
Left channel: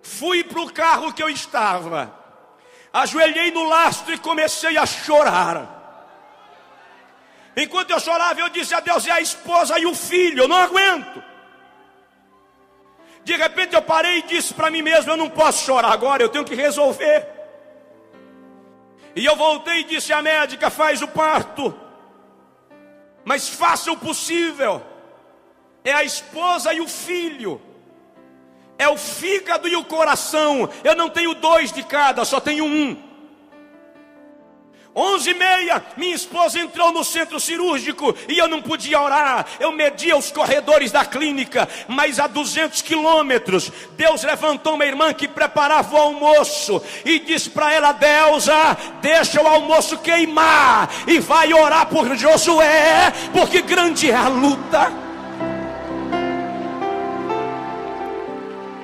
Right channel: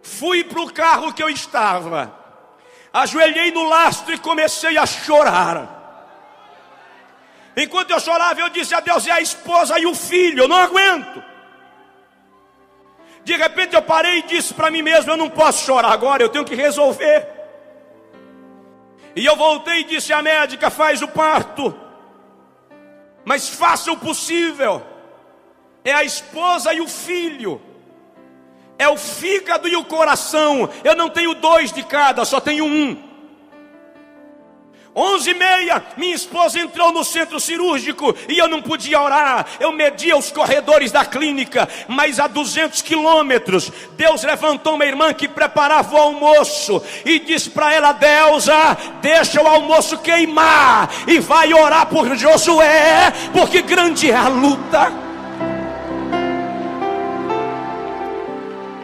Fui para o carro que eu estava, ajoelhei no lastro e comecei a chorar. Enquanto eu chorava, eu disse a Deus: é a esposa e o filho, eu não aguento. De repente eu parei e disse para mim mesmo: eu não posso chorar agora, eu tenho que resolver. E eu voltei e disse à médica: faz o parto, mas faça o possível. É a esposa e o filho, é o fígado e o coração. Eu não tenho 2 de cada, só tenho um. 11h30, minha esposa entrou no centro cirúrgico e eu não podia orar. Eu media os corredores da clínica, mas a 200 quilômetros, Deus levantou uma irmã que preparava o almoço e disse para ela: Deusa, deixa o almoço queimar e vai orar por Josué, porque grande é a luta.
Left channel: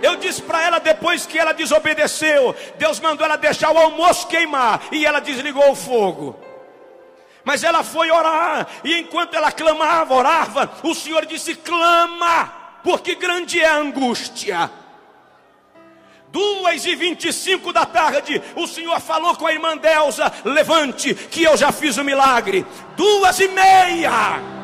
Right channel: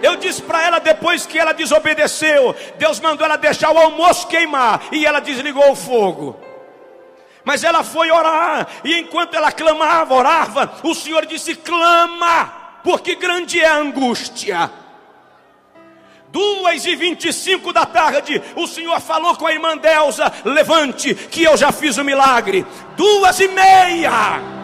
Eu disse para ela, depois que ela desobedeceu, Deus mandou ela deixar o almoço queimar, e ela desligou o fogo. Mas ela foi orar, e enquanto ela clamava, orava, o Senhor disse: clama, porque grande é a angústia. 2h25 da tarde, o Senhor falou com a irmã Deusa: levante, que eu já fiz o milagre. 2h30,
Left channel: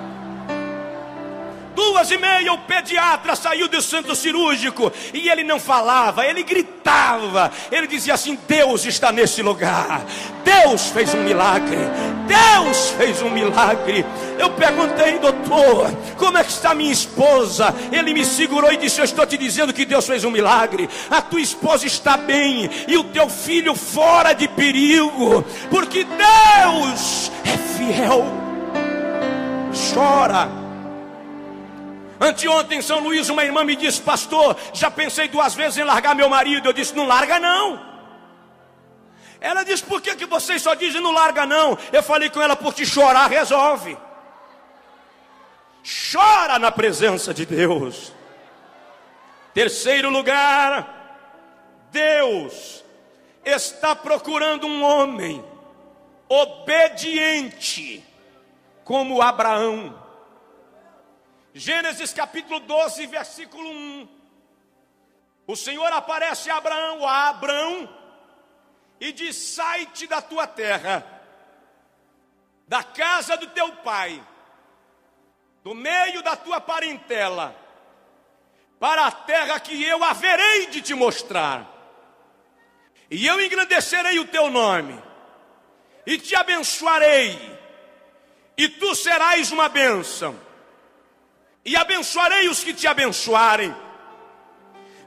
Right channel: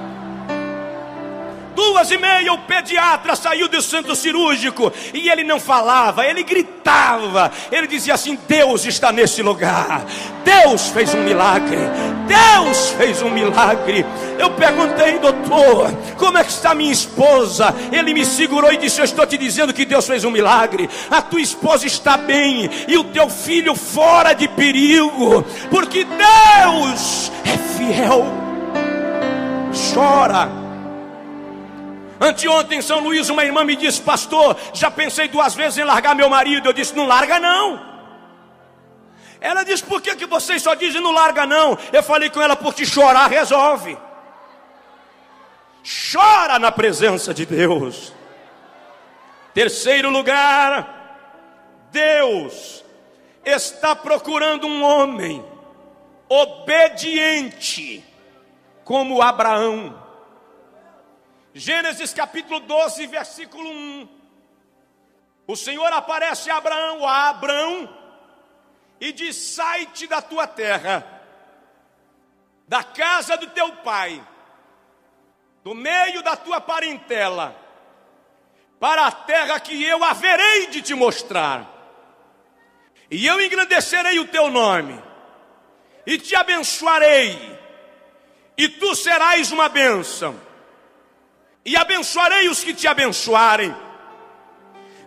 2h30, o pediatra saiu do centro cirúrgico e ele não falava, ele gritava, ele dizia assim: Deus está nesse lugar, Deus fez um milagre, Deus fez um milagre. Eu perguntei: doutor, como é que está minha esposa? Ele me segurou e disse: eu estou te dizendo que Deus fez um milagre, a tua esposa está bem e o teu filho fora de perigo, porque Deus é fiel. Chora. Anteontem em São Luís, uma irmã me disse: pastor, já pensei 2 vezes em largar meu marido. Eu disse: não larga não. Ela disse: por que vocês só dizem não larga não? Eu falei com ela: porque chorar resolve. Chora na presença de Deus. Terceiro lugar, Deus está procurando um homem obediente como Abraão. Gênesis capítulo 12, versículo 1. O Senhor aparece a Abraão, e diz: sai-te da tua terra, da casa do teu pai, do meio da tua parentela, para a terra que eu haverei de te mostrar. E eu engrandecerei o teu nome, e te abençoarei, e tu serás uma bênção. E abençoarei os que te abençoarem,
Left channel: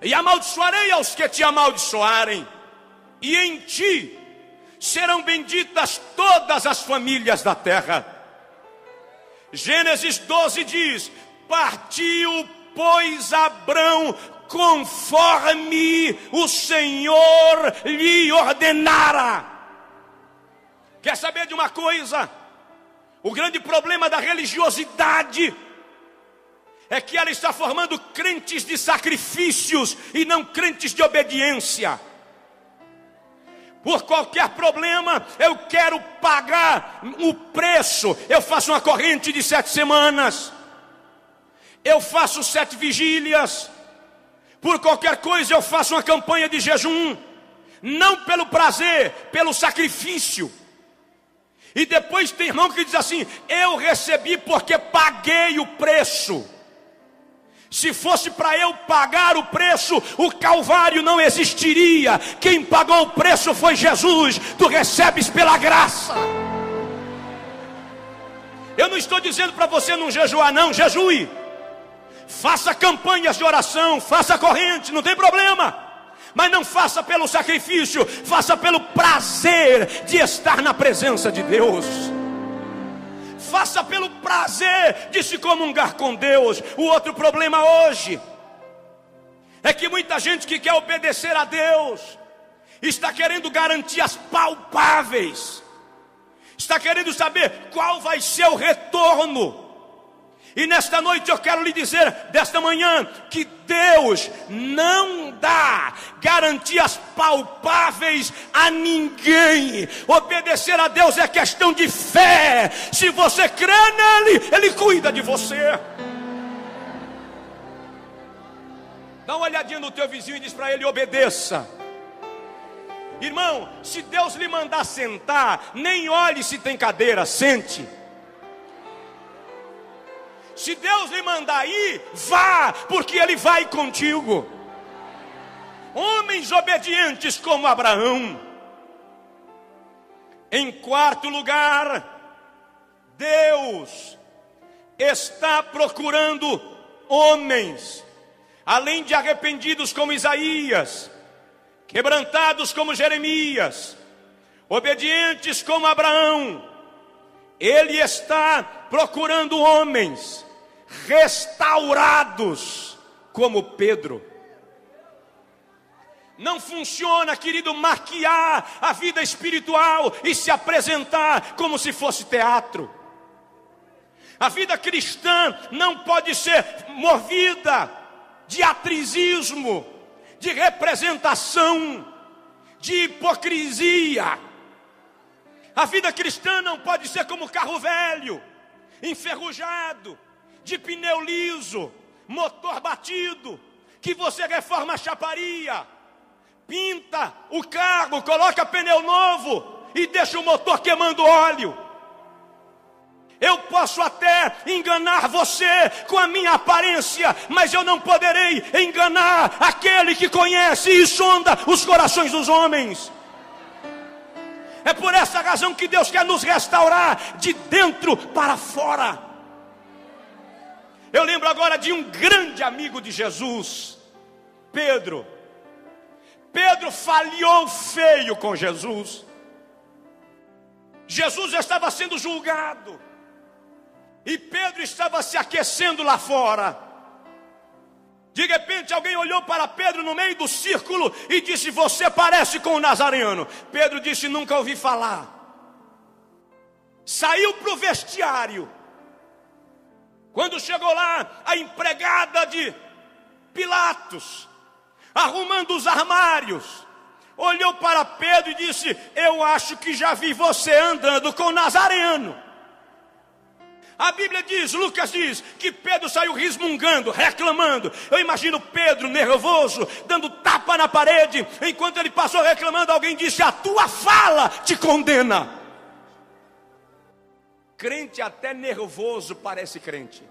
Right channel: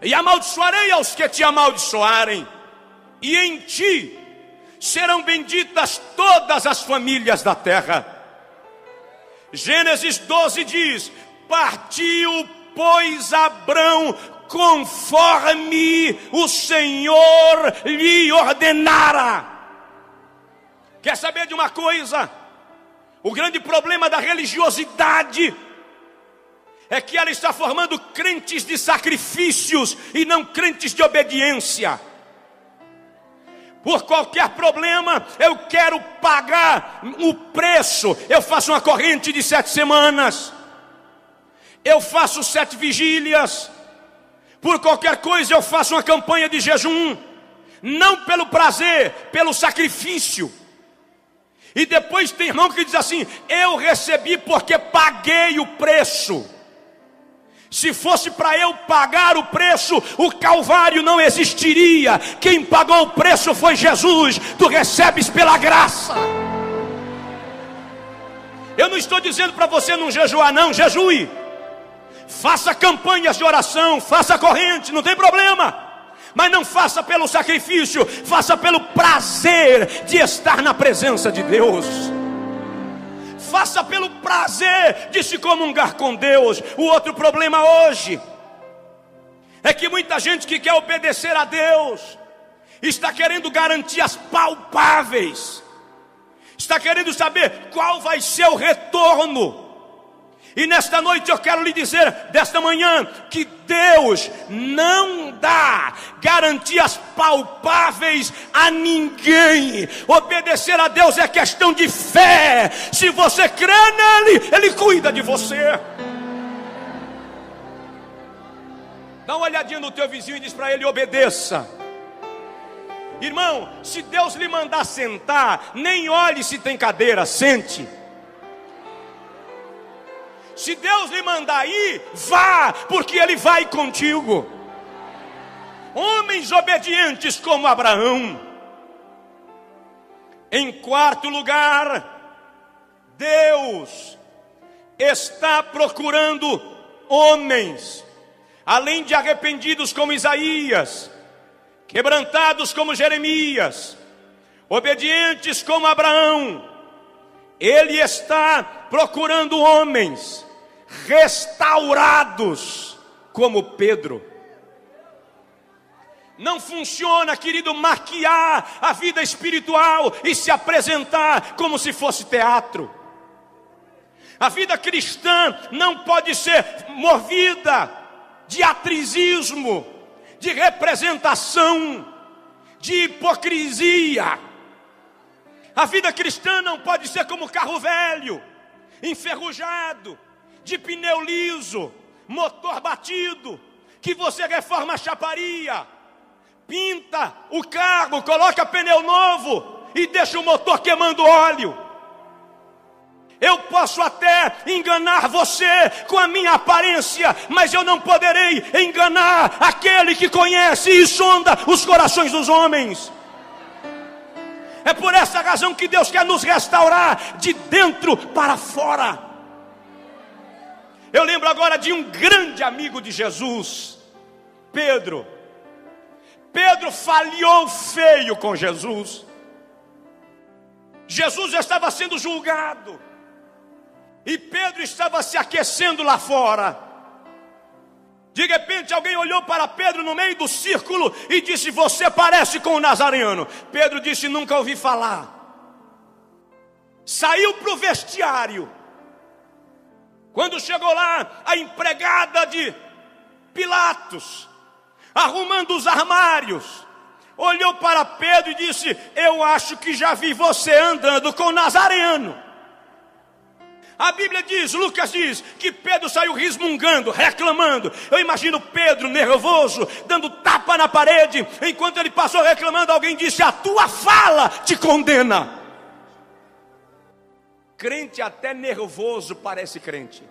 e amaldiçoarei aos que te amaldiçoarem. E em ti serão benditas todas as famílias da terra. Gênesis 12 diz: partiu, pois, Abrão conforme o Senhor lhe ordenara. Quer saber de uma coisa? O grande problema da religiosidade é que ela está formando crentes de sacrifícios e não crentes de obediência. Por qualquer problema, eu quero pagar o preço. Eu faço uma corrente de 7 semanas. Eu faço 7 vigílias. Por qualquer coisa, eu faço uma campanha de jejum. Não pelo prazer, pelo sacrifício. E depois tem irmão que diz assim: eu recebi porque paguei o preço. Se fosse para eu pagar o preço, o Calvário não existiria. Quem pagou o preço foi Jesus. Tu recebes pela graça. Eu não estou dizendo para você não jejuar, não. Jejue. Faça campanhas de oração, faça corrente, não tem problema. Mas não faça pelo sacrifício, faça pelo prazer de estar na presença de Deus. Faça pelo prazer de se comungar com Deus. O outro problema hoje é que muita gente que quer obedecer a Deus está querendo garantias palpáveis, está querendo saber qual vai ser o retorno. E nesta noite eu quero lhe dizer, desta manhã, que Deus não dá garantias palpáveis a ninguém. Obedecer a Deus é questão de fé. Se você crê nele, ele cuida de você. Dá uma olhadinha no teu vizinho e diz para ele: obedeça. Irmão, se Deus lhe mandar sentar, nem olhe se tem cadeira, sente. Se Deus lhe mandar ir, vá, porque Ele vai contigo. Homens obedientes como Abraão. Em quarto lugar, Deus está procurando homens, além de arrependidos como Isaías, quebrantados como Jeremias, obedientes como Abraão. Ele está procurando homens restaurados como Pedro. Não funciona, querido, maquiar a vida espiritual e se apresentar como se fosse teatro. A vida cristã não pode ser movida de atrizismo, de representação, de hipocrisia. A vida cristã não pode ser como carro velho, enferrujado, de pneu liso, motor batido, que você reforma a chaparia, pinta o carro, coloca pneu novo e deixa o motor queimando óleo. Eu posso até enganar você com a minha aparência, mas eu não poderei enganar aquele que conhece e sonda os corações dos homens. É por essa razão que Deus quer nos restaurar de dentro para fora. Eu lembro agora de um grande amigo de Jesus, Pedro. Pedro falhou feio com Jesus. Jesus estava sendo julgado e Pedro estava se aquecendo lá fora. De repente alguém olhou para Pedro no meio do círculo e disse: você parece com o Nazareno. Pedro disse: nunca ouvi falar. Saiu para o vestiário. Quando chegou lá, a empregada de Pilatos, arrumando os armários, olhou para Pedro e disse: eu acho que já vi você andando com o Nazareno. A Bíblia diz, Lucas diz, que Pedro saiu resmungando, reclamando. Eu imagino Pedro nervoso, dando tapa na parede. Enquanto ele passou reclamando, alguém disse: a tua fala te condena. Crente até nervoso parece crente.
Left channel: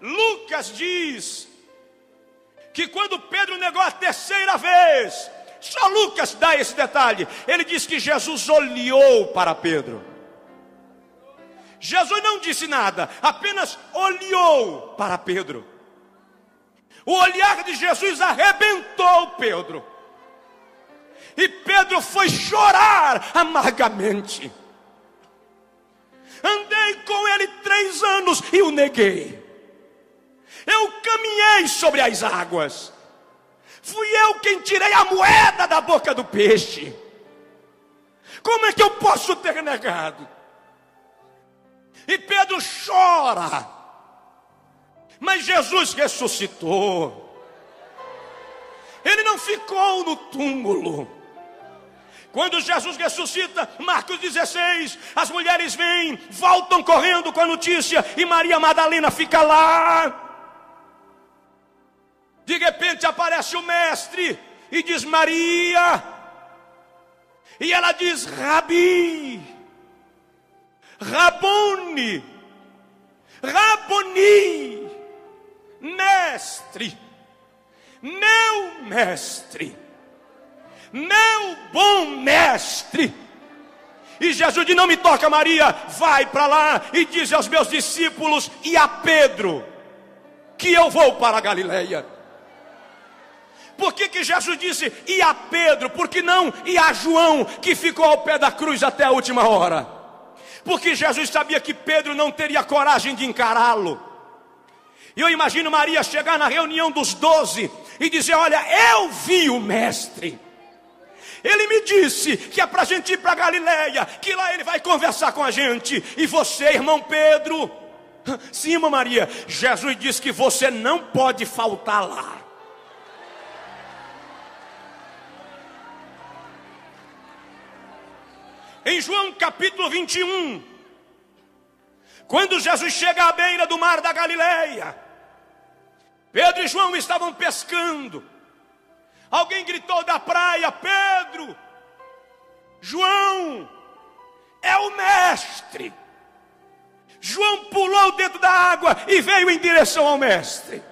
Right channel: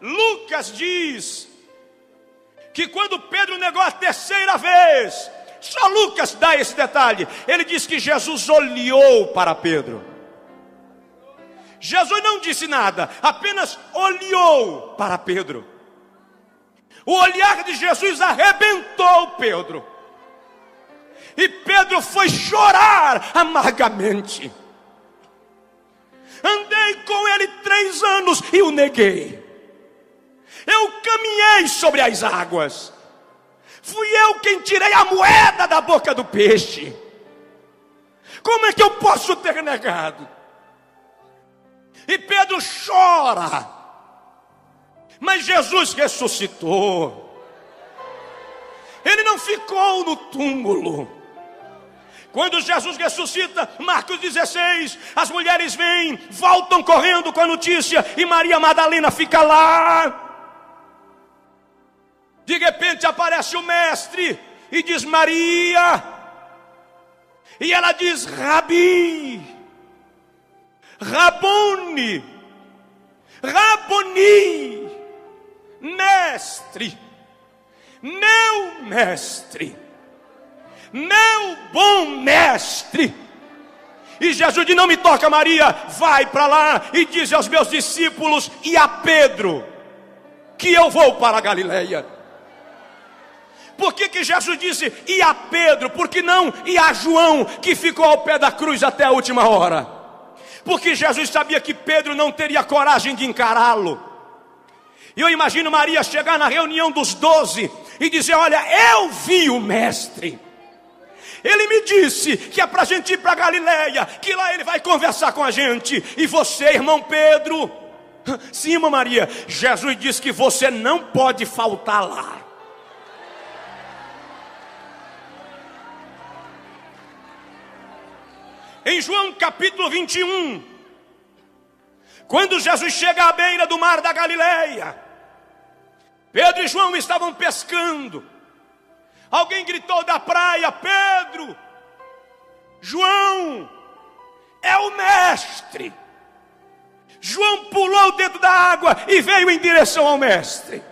Lucas diz que quando Pedro negou a terceira vez, só Lucas dá esse detalhe, ele diz que Jesus olhou para Pedro. Jesus não disse nada, apenas olhou para Pedro. O olhar de Jesus arrebentou Pedro. E Pedro foi chorar amargamente. Andei com ele 3 anos e o neguei. Eu caminhei sobre as águas. Fui eu quem tirei a moeda da boca do peixe. Como é que eu posso ter negado? E Pedro chora. Mas Jesus ressuscitou. Ele não ficou no túmulo. Quando Jesus ressuscita, Marcos 16, as mulheres vêm, voltam correndo com a notícia, e Maria Madalena fica lá. De repente aparece o mestre e diz Maria, e ela diz Rabi, Rabone, Raboni, mestre, meu mestre, meu bom mestre. E Jesus diz, não me toca Maria, vai para lá e diz aos meus discípulos e a Pedro que eu vou para a Galileia. Por que Jesus disse e a Pedro? Por que não e a João, que ficou ao pé da cruz até a última hora? Porque Jesus sabia que Pedro não teria coragem de encará-lo. E eu imagino Maria chegar na reunião dos 12 e dizer, olha, eu vi o mestre. Ele me disse que é para a gente ir para a Galileia, que lá ele vai conversar com a gente. E você, irmão Pedro? Sim, irmã Maria, Jesus disse que você não pode faltar lá. Em João capítulo 21, quando Jesus chega à beira do mar da Galileia, Pedro e João estavam pescando. Alguém gritou da praia, Pedro, João, é o mestre. João pulou dentro da água e veio em direção ao mestre.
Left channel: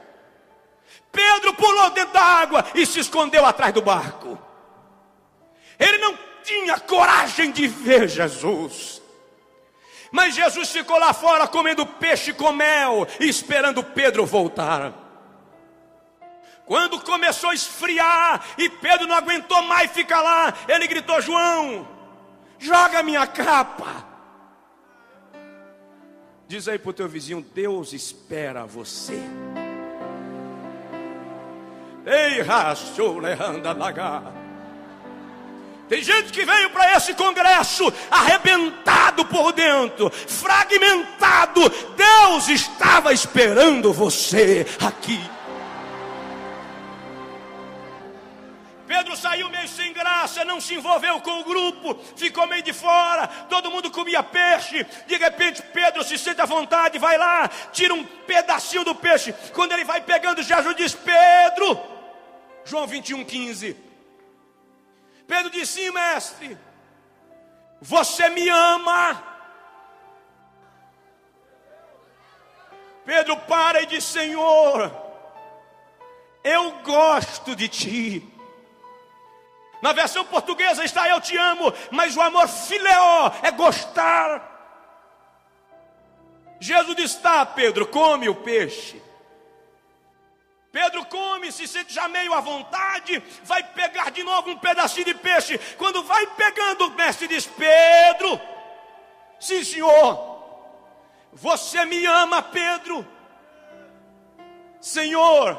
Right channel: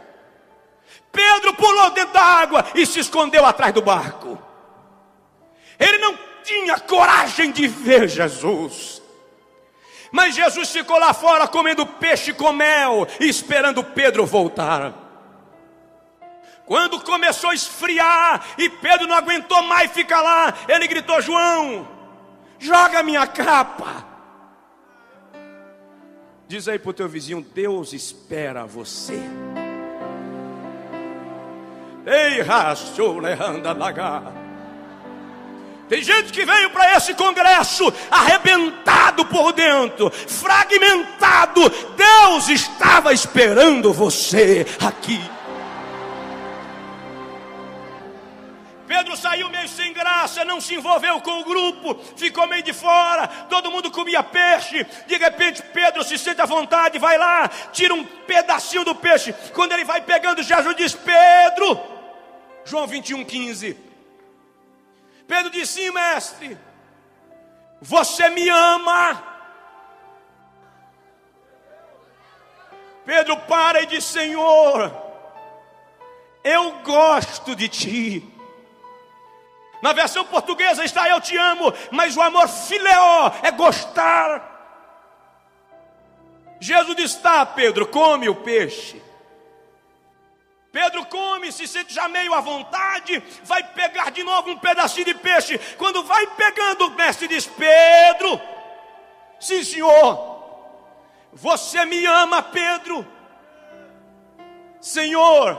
Pedro pulou dentro da água e se escondeu atrás do barco. Ele não tinha coragem de ver Jesus. Mas Jesus ficou lá fora comendo peixe com mel e esperando Pedro voltar. Quando começou a esfriar e Pedro não aguentou mais ficar lá, ele gritou, João, joga minha capa. Diz aí pro teu vizinho, Deus espera você. Ei, rachou, anda lagar. Tem gente que veio para esse congresso arrebentado por dentro, fragmentado. Deus estava esperando você aqui. Pedro saiu meio sem graça, não se envolveu com o grupo, ficou meio de fora, todo mundo comia peixe. De repente Pedro se sente à vontade, vai lá, tira um pedacinho do peixe. Quando ele vai pegando, Jesus diz, Pedro, João 21:15. Pedro disse, sim, mestre, você me ama? Pedro para e diz, Senhor, eu gosto de ti. Na versão portuguesa está eu te amo, mas o amor fileó é gostar. Jesus diz, tá, Pedro, come o peixe. Pedro come, se sente já meio à vontade, vai pegar de novo um pedacinho de peixe. Quando vai pegando, o mestre diz, Pedro, sim senhor, você me ama, Pedro? Senhor,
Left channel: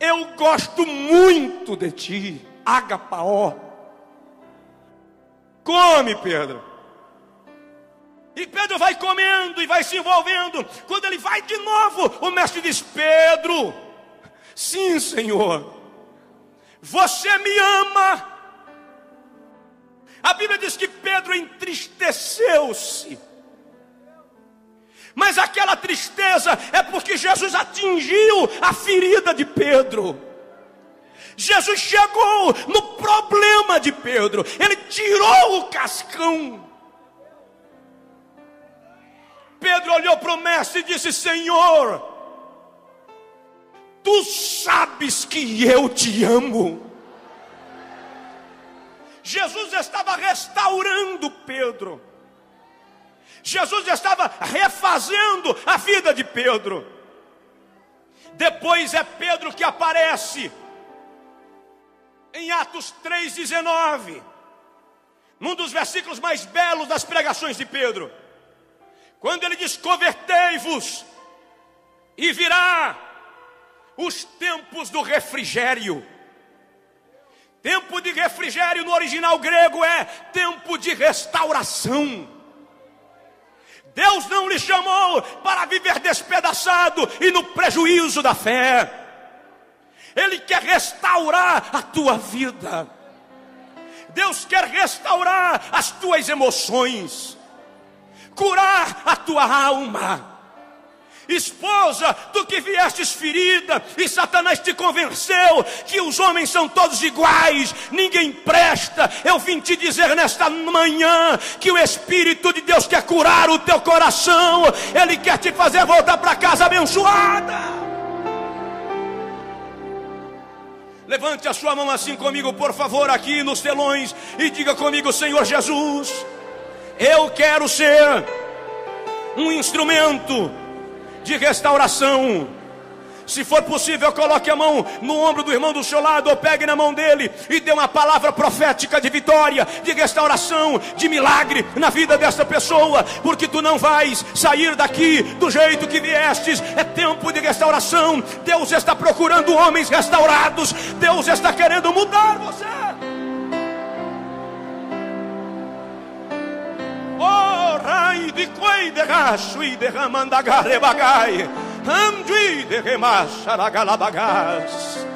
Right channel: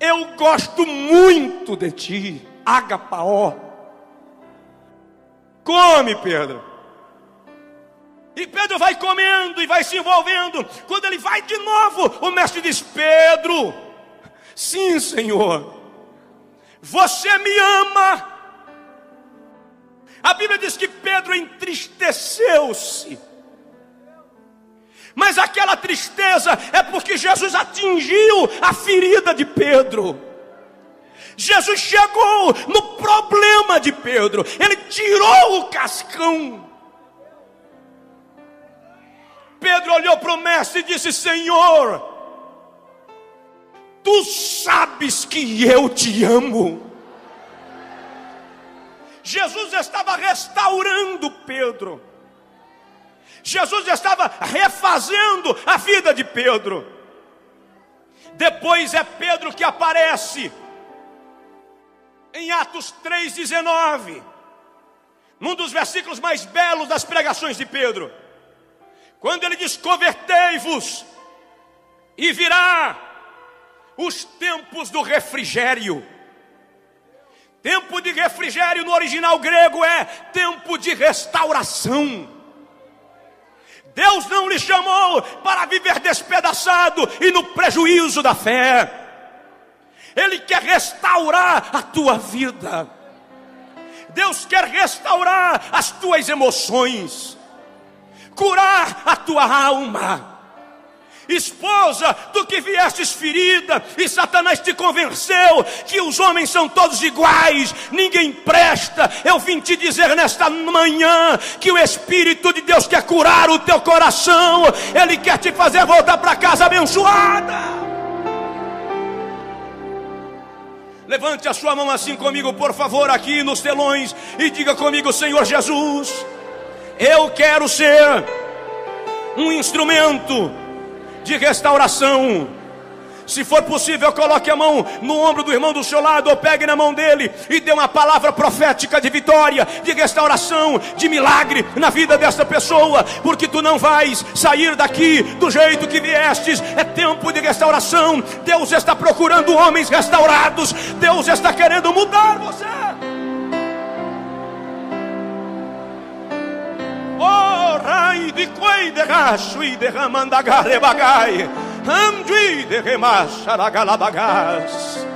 eu gosto muito de ti, agapaó. Come, Pedro. E Pedro vai comendo e vai se envolvendo. Quando ele vai de novo, o mestre diz, Pedro, sim, Senhor, você me ama? A Bíblia diz que Pedro entristeceu-se. Mas aquela tristeza é porque Jesus atingiu a ferida de Pedro. Jesus chegou no problema de Pedro. Ele tirou o cascão. Pedro olhou para o mestre e disse: Senhor, tu sabes que eu te amo. Jesus estava restaurando Pedro. Jesus estava refazendo a vida de Pedro. Depois é Pedro que aparece em Atos 3,19, num dos versículos mais belos das pregações de Pedro, quando ele diz: convertei-vos e virá os tempos do refrigério. Tempo de refrigério no original grego é tempo de restauração. Deus não lhe chamou para viver despedaçado e no prejuízo da fé. Ele quer restaurar a tua vida. Deus quer restaurar as tuas emoções, curar a tua alma. Esposa, tu que viestes ferida e Satanás te convenceu que os homens são todos iguais, ninguém presta. Eu vim te dizer nesta manhã que o Espírito de Deus quer curar o teu coração. Ele quer te fazer voltar para casa abençoada. Levante a sua mão assim comigo, por favor, aqui nos telões, e diga comigo: Senhor Jesus, eu quero ser um instrumento de restauração. Se for possível, coloque a mão no ombro do irmão do seu lado, ou pegue na mão dele e dê uma palavra profética de vitória, de restauração, de milagre na vida dessa pessoa, porque tu não vais sair daqui do jeito que viestes. É tempo de restauração. Deus está procurando homens restaurados. Deus está querendo mudar você. Oh, rai de coi de racho e de ramandagare bagai, andui de remacharagalabagas.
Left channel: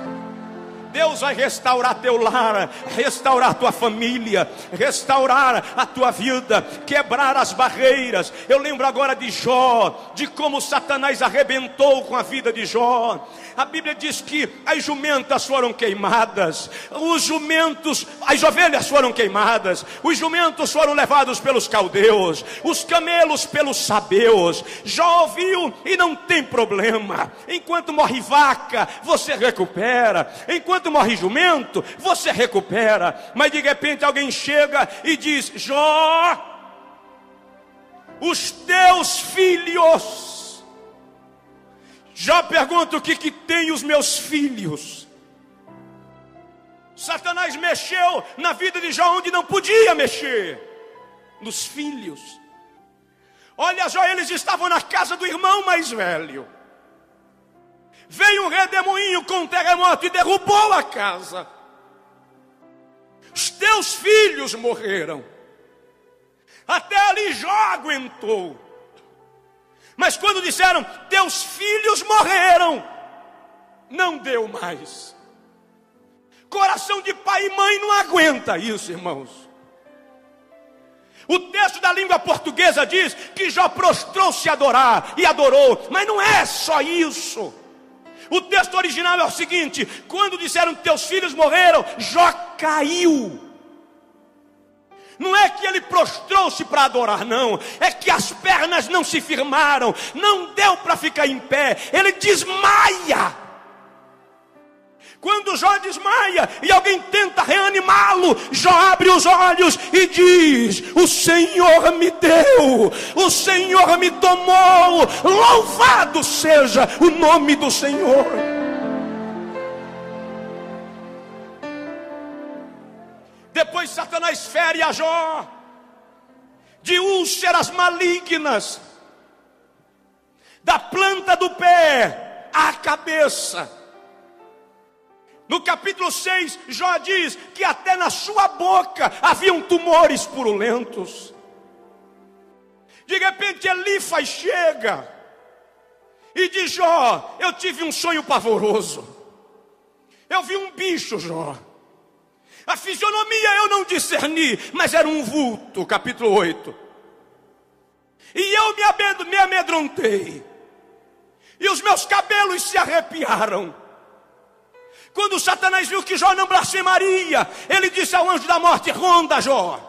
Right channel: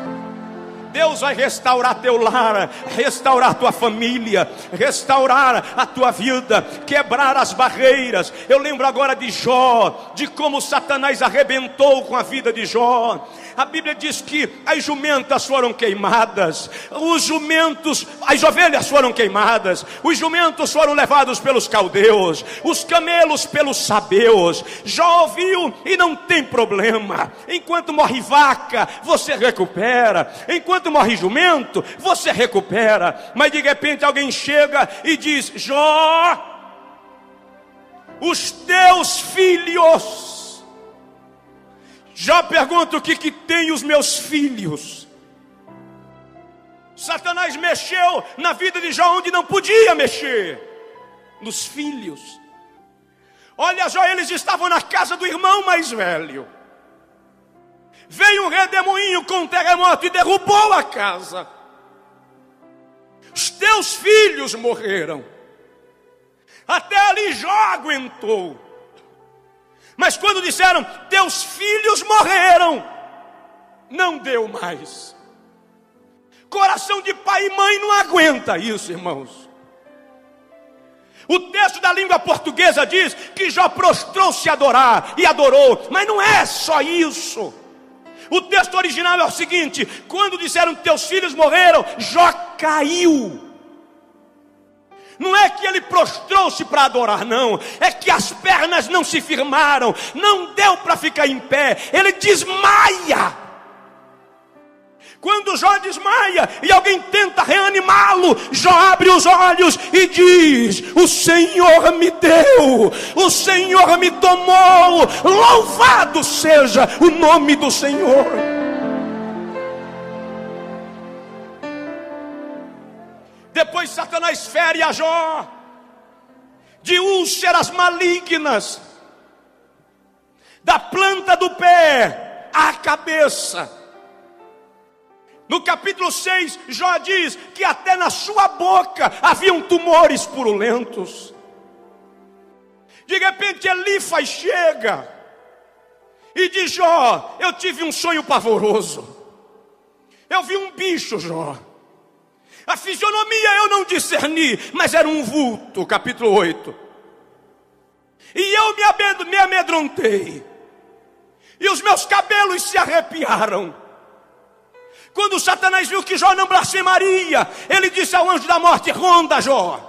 Deus vai restaurar teu lar, restaurar tua família, restaurar a tua vida, quebrar as barreiras. Eu lembro agora de Jó, de como Satanás arrebentou com a vida de Jó. A Bíblia diz que as jumentas foram queimadas, as ovelhas foram queimadas, os jumentos foram levados pelos caldeus, os camelos pelos sabeus. Jó ouviu e não tem problema. Enquanto morre vaca, você recupera. Enquanto morre jumento, você recupera. Mas de repente alguém chega e diz: Jó, os teus filhos. Jó pergunta: o que tem os meus filhos? Satanás mexeu na vida de Jó onde não podia mexer, nos filhos. Olha, Jó, eles estavam na casa do irmão mais velho. Veio um redemoinho com um terremoto e derrubou a casa. Os teus filhos morreram. Até ali Jó aguentou. Mas quando disseram: teus filhos morreram, não deu mais. Coração de pai e mãe não aguenta isso, irmãos. O texto da língua portuguesa diz que Jó prostrou-se a adorar, e adorou. Mas não é só isso. O texto original é o seguinte: quando disseram que teus filhos morreram, Jó caiu. Não é que ele prostrou-se para adorar, não. É que as pernas não se firmaram, não deu para ficar em pé. Ele desmaia. Quando Jó desmaia e alguém tenta reanimá-lo, Jó abre os olhos e diz: o Senhor me deu, o Senhor me tomou, louvado seja o nome do Senhor. Depois Satanás fere a Jó de úlceras malignas, da planta do pé à cabeça. No capítulo 6, Jó diz que até na sua boca haviam tumores purulentos. De repente Elifas chega e diz: Jó, eu tive um sonho pavoroso. Eu vi um bicho, Jó. A fisionomia eu não discerni, mas era um vulto. Capítulo 8. E eu me amedrontei, e os meus cabelos se arrepiaram. Quando Satanás viu que Jó não blasfemaria, ele disse ao anjo da morte: ronda, Jó,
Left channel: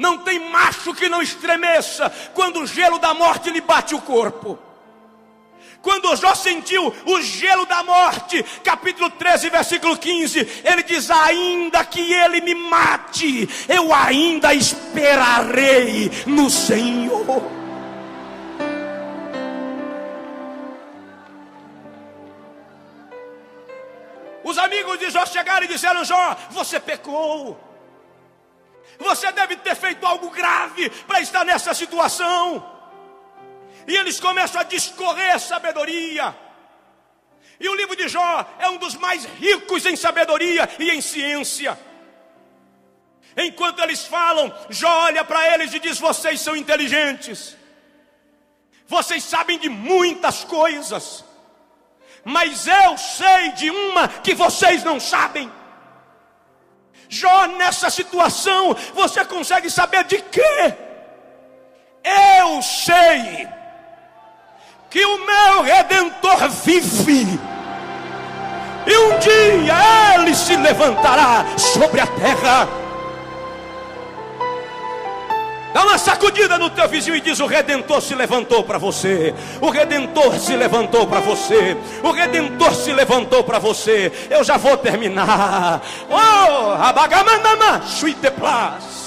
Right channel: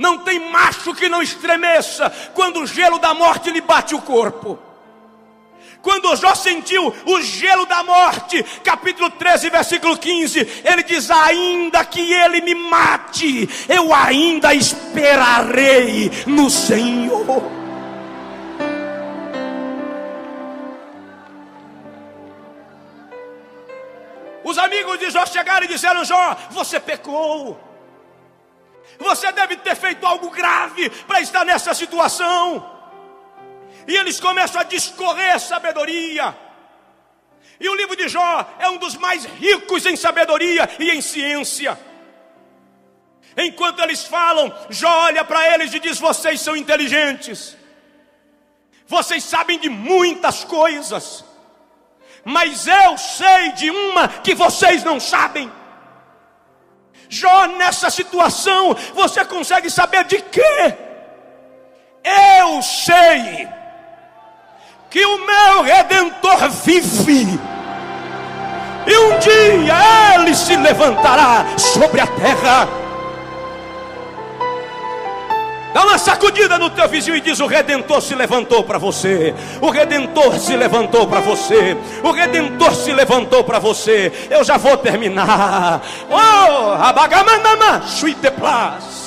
Não tem macho que não estremeça quando o gelo da morte lhe bate o corpo. Quando Jó sentiu o gelo da morte, capítulo 13, versículo 15, ele diz: ainda que ele me mate, eu ainda esperarei no Senhor. Os amigos de Jó chegaram e disseram: Jó, você pecou. Você deve ter feito algo grave para estar nessa situação. E eles começam a discorrer sabedoria. E o livro de Jó é um dos mais ricos em sabedoria e em ciência. Enquanto eles falam, Jó olha para eles e diz: vocês são inteligentes. Vocês sabem de muitas coisas. Mas eu sei de uma que vocês não sabem. Jó, nessa situação, você consegue saber de quê? Eu sei que o meu Redentor vive, e um dia ele se levantará sobre a terra. Dá uma sacudida no teu vizinho e diz: o Redentor se levantou para você. O Redentor se levantou para você. O Redentor se levantou para você. Eu já vou terminar. Oh, abagamandama, suiteplas.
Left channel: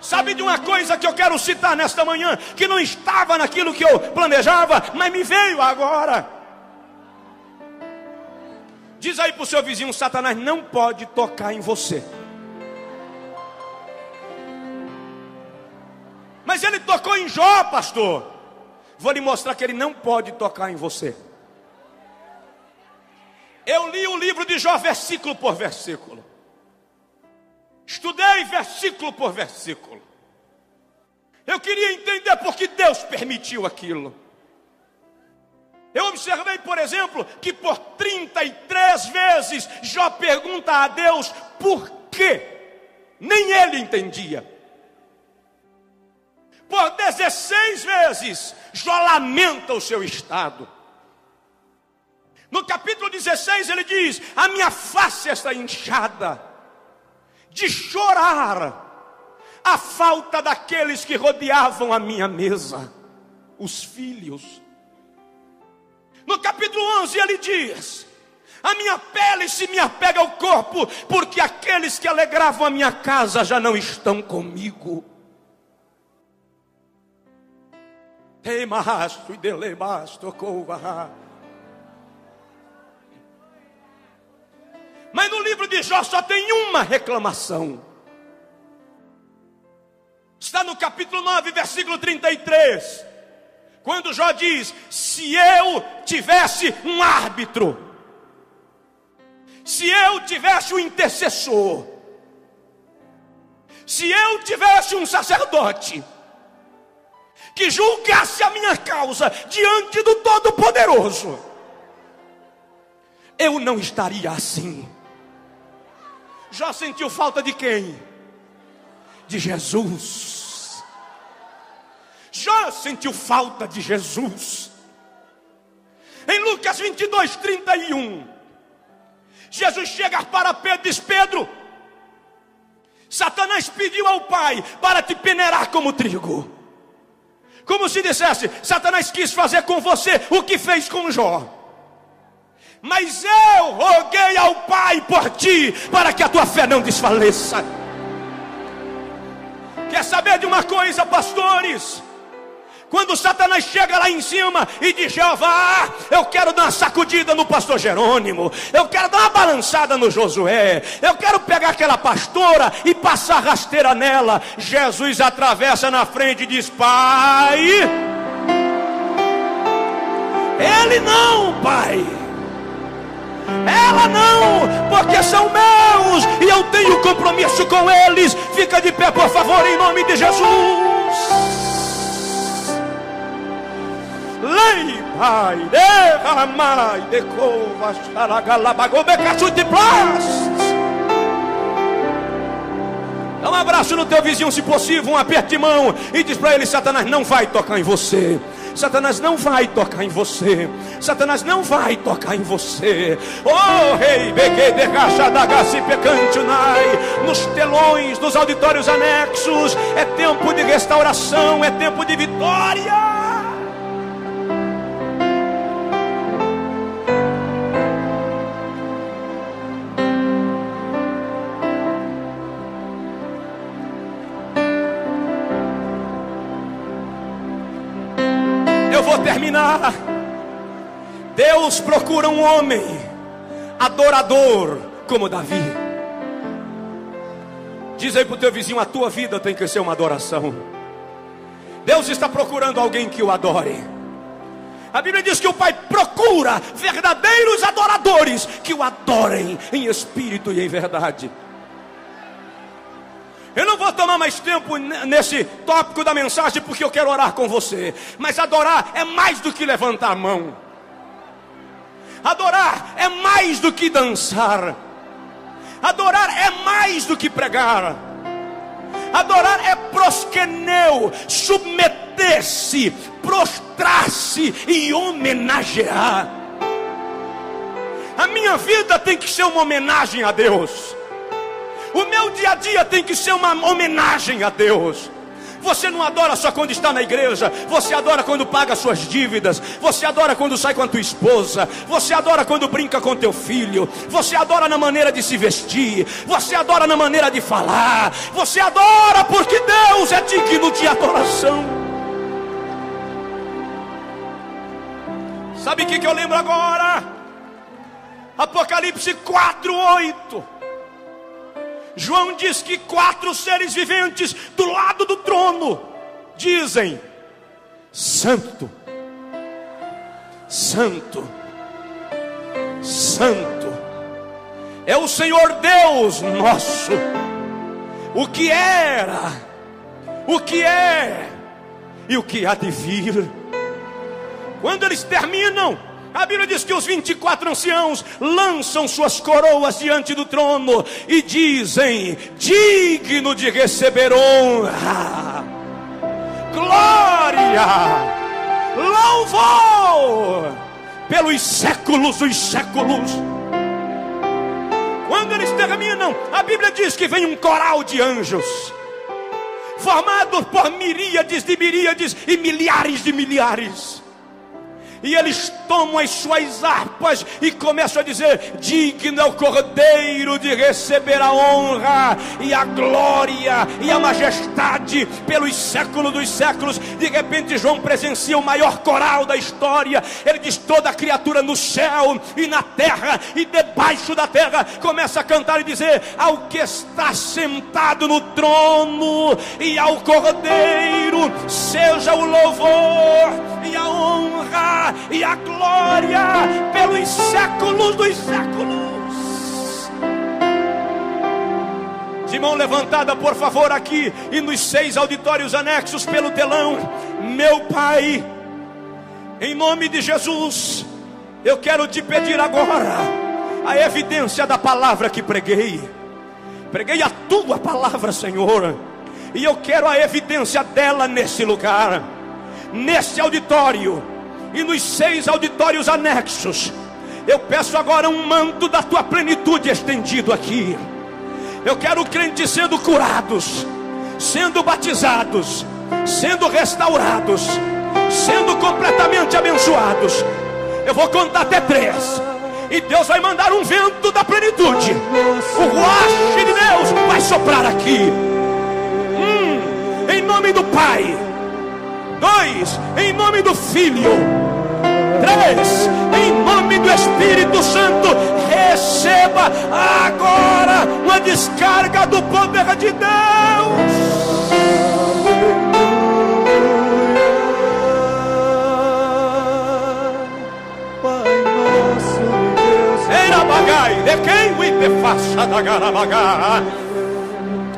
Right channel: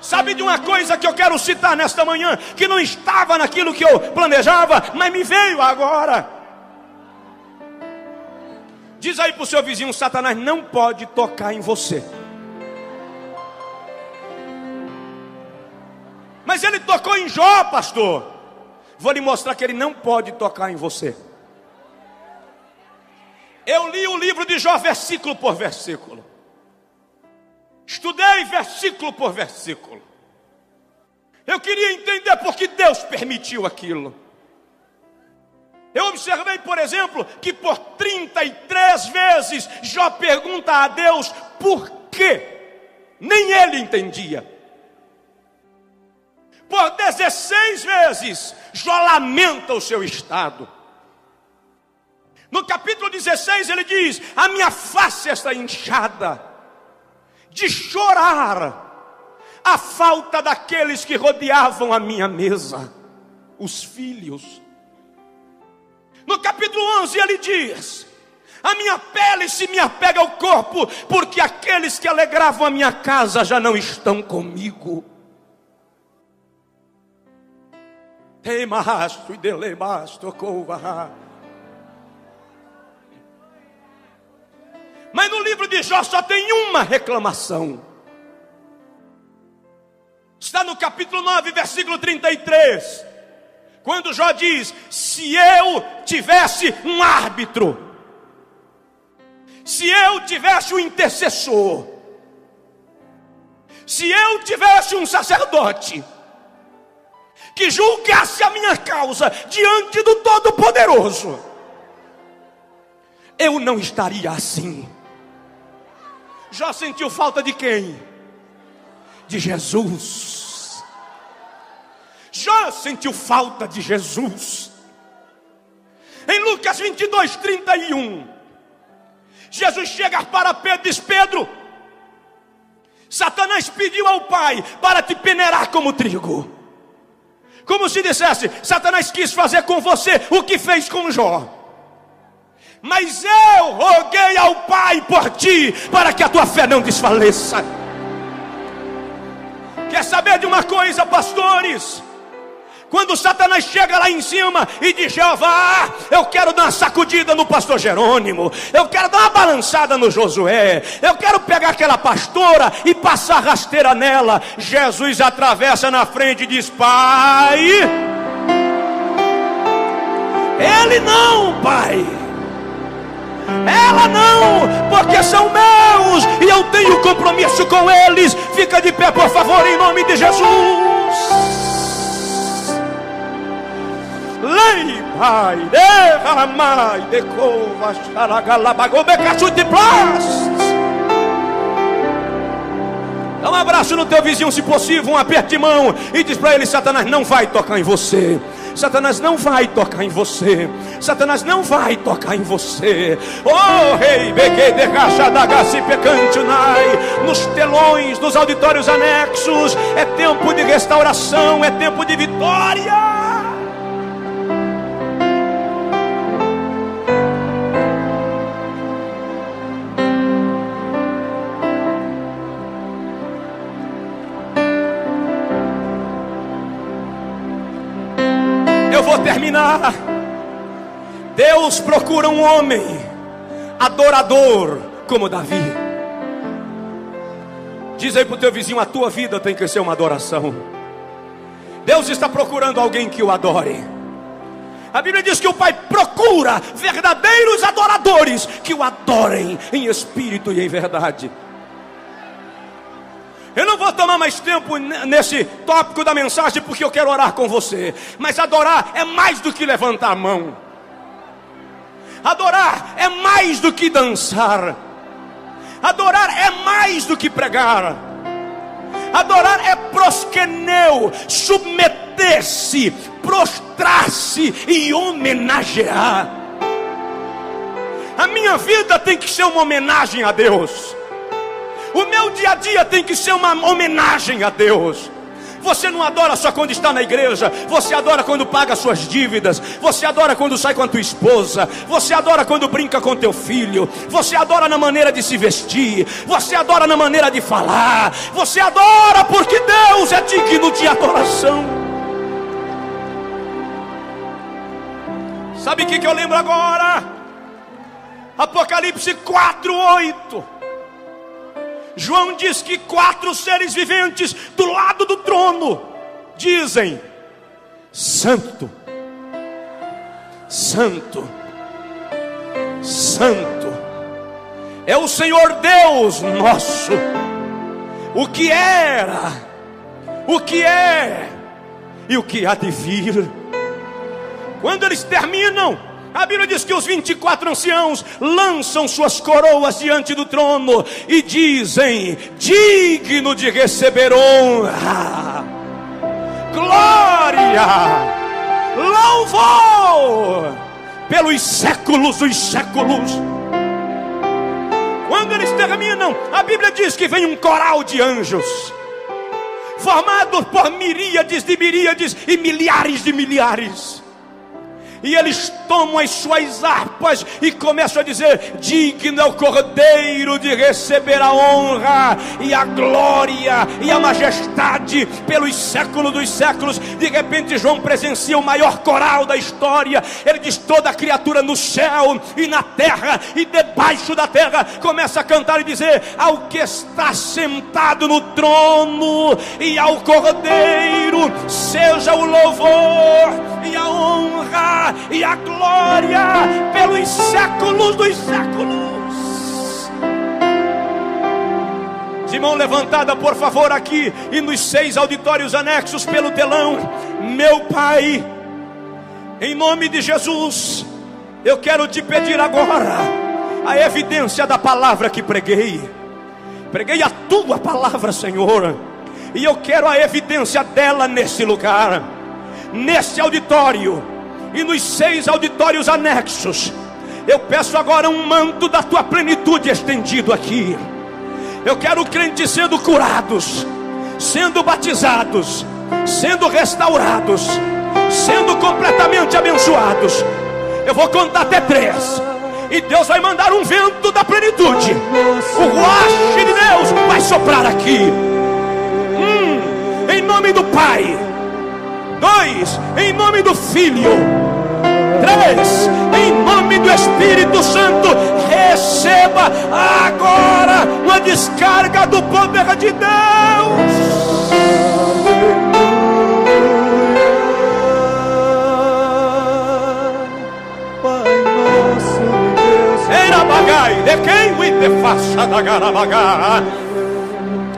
Sabe de uma coisa que eu quero citar nesta manhã, que não estava naquilo que eu planejava, mas me veio agora. Diz aí para o seu vizinho: Satanás não pode tocar em você. Mas ele tocou em Jó, pastor. Vou lhe mostrar que ele não pode tocar em você. Eu li o livro de Jó versículo por versículo. Estudei versículo por versículo. Eu queria entender por que Deus permitiu aquilo. Eu observei, por exemplo, que por 33 vezes Jó pergunta a Deus por quê. Nem ele entendia. Por 16 vezes Jó lamenta o seu estado. No capítulo 16 ele diz: a minha face está inchada de chorar a falta daqueles que rodeavam a minha mesa, os filhos. No capítulo 11 ele diz: a minha pele se me apega ao corpo, porque aqueles que alegravam a minha casa já não estão comigo. Mas no livro de Jó só tem uma reclamação. Está no capítulo 9, versículo 33. Quando Jó diz: se eu tivesse um árbitro, se eu tivesse um intercessor, se eu tivesse um sacerdote que julgasse a minha causa diante do Todo-Poderoso, eu não estaria assim. Jó sentiu falta de quem? De Jesus. Jó sentiu falta de Jesus. Em Lucas 22, 31, Jesus chega para Pedro e diz: Pedro, Satanás pediu ao Pai para te peneirar como trigo. Como se dissesse: Satanás quis fazer com você o que fez com Jó. Mas eu roguei ao Pai por ti, para que a tua fé não desfaleça. Quer saber de uma coisa, pastores? Quando Satanás chega lá em cima e diz: Jeová, eu quero dar uma sacudida no pastor Jerônimo, eu quero dar uma balançada no Josué, eu quero pegar aquela pastora e passar rasteira nela, Jesus atravessa na frente e diz: Pai, ele não, Pai, ela não, porque são meus e eu tenho compromisso com eles. Fica de pé, por favor, em nome de Jesus. Lei, Pai, deva amai, decova, xaragalabagobe, cachute plas. abraço no teu vizinho, se possível, um aperto de mão, e diz para ele: Satanás não vai tocar em você. Satanás não vai tocar em você. Satanás não vai tocar em você. Oh, rei, nos telões, nos auditórios anexos, é tempo de restauração, é tempo de vitória. Terminar. Deus procura um homem adorador como Davi. Diz aí para o teu vizinho: a tua vida tem que ser uma adoração. Deus está procurando alguém que o adore. A Bíblia diz que o Pai procura verdadeiros adoradores que o adorem em espírito e em verdade. Eu não vou tomar mais tempo nesse tópico da mensagem, porque eu quero orar com você. Mas adorar é mais do que levantar a mão. Adorar é mais do que dançar. Adorar é mais do que pregar. Adorar é proskeneu, submeter-se, prostrar-se e homenagear. A minha vida tem que ser uma homenagem a Deus. O meu dia a dia tem que ser uma homenagem a Deus. Você não adora só quando está na igreja. Você adora quando paga suas dívidas. Você adora quando sai com a tua esposa. Você adora quando brinca com teu filho. Você adora na maneira de se vestir. Você adora na maneira de falar. Você adora porque Deus é digno de adoração. Sabe o que eu lembro agora? Apocalipse 4:8. João diz que 4 seres viventes do lado do trono dizem: Santo, Santo, Santo é o Senhor Deus nosso, o que era, o que é e o que há de vir. Quando eles terminam, a Bíblia diz que os 24 anciãos lançam suas coroas diante do trono e dizem: digno de receber honra, glória, louvor pelos séculos dos séculos. Quando eles terminam, a Bíblia diz que vem um coral de anjos, formado por miríades de miríades e milhares de milhares. E eles tomam as suas harpas e começam a dizer: digno é o Cordeiro de receber a honra e a glória e a majestade pelos séculos dos séculos. De repente João presencia o maior coral da história. Ele diz: toda criatura no céu e na terra e debaixo da terra começa a cantar e dizer: ao que está sentado no trono e ao Cordeiro seja o louvor e a honra e a glória pelos séculos dos séculos. De mão levantada, por favor, aqui e nos 6 auditórios anexos pelo telão. Meu Pai, em nome de Jesus, eu quero te pedir agora a evidência da palavra que preguei. Preguei a tua palavra, Senhor, e eu quero a evidência dela nesse lugar, nesse auditório e nos 6 auditórios anexos. Eu peço agora um manto da tua plenitude estendido aqui. Eu quero crentes sendo curados, sendo batizados, sendo restaurados, sendo completamente abençoados. Eu vou contar até 3 e Deus vai mandar um vento da plenitude. O ruach de Deus vai soprar aqui. Em nome do Pai. 2, em nome do Filho. 3, em nome do Espírito Santo. Receba agora uma descarga do poder de Deus. Era bagai, de quem o te faça da garabagá.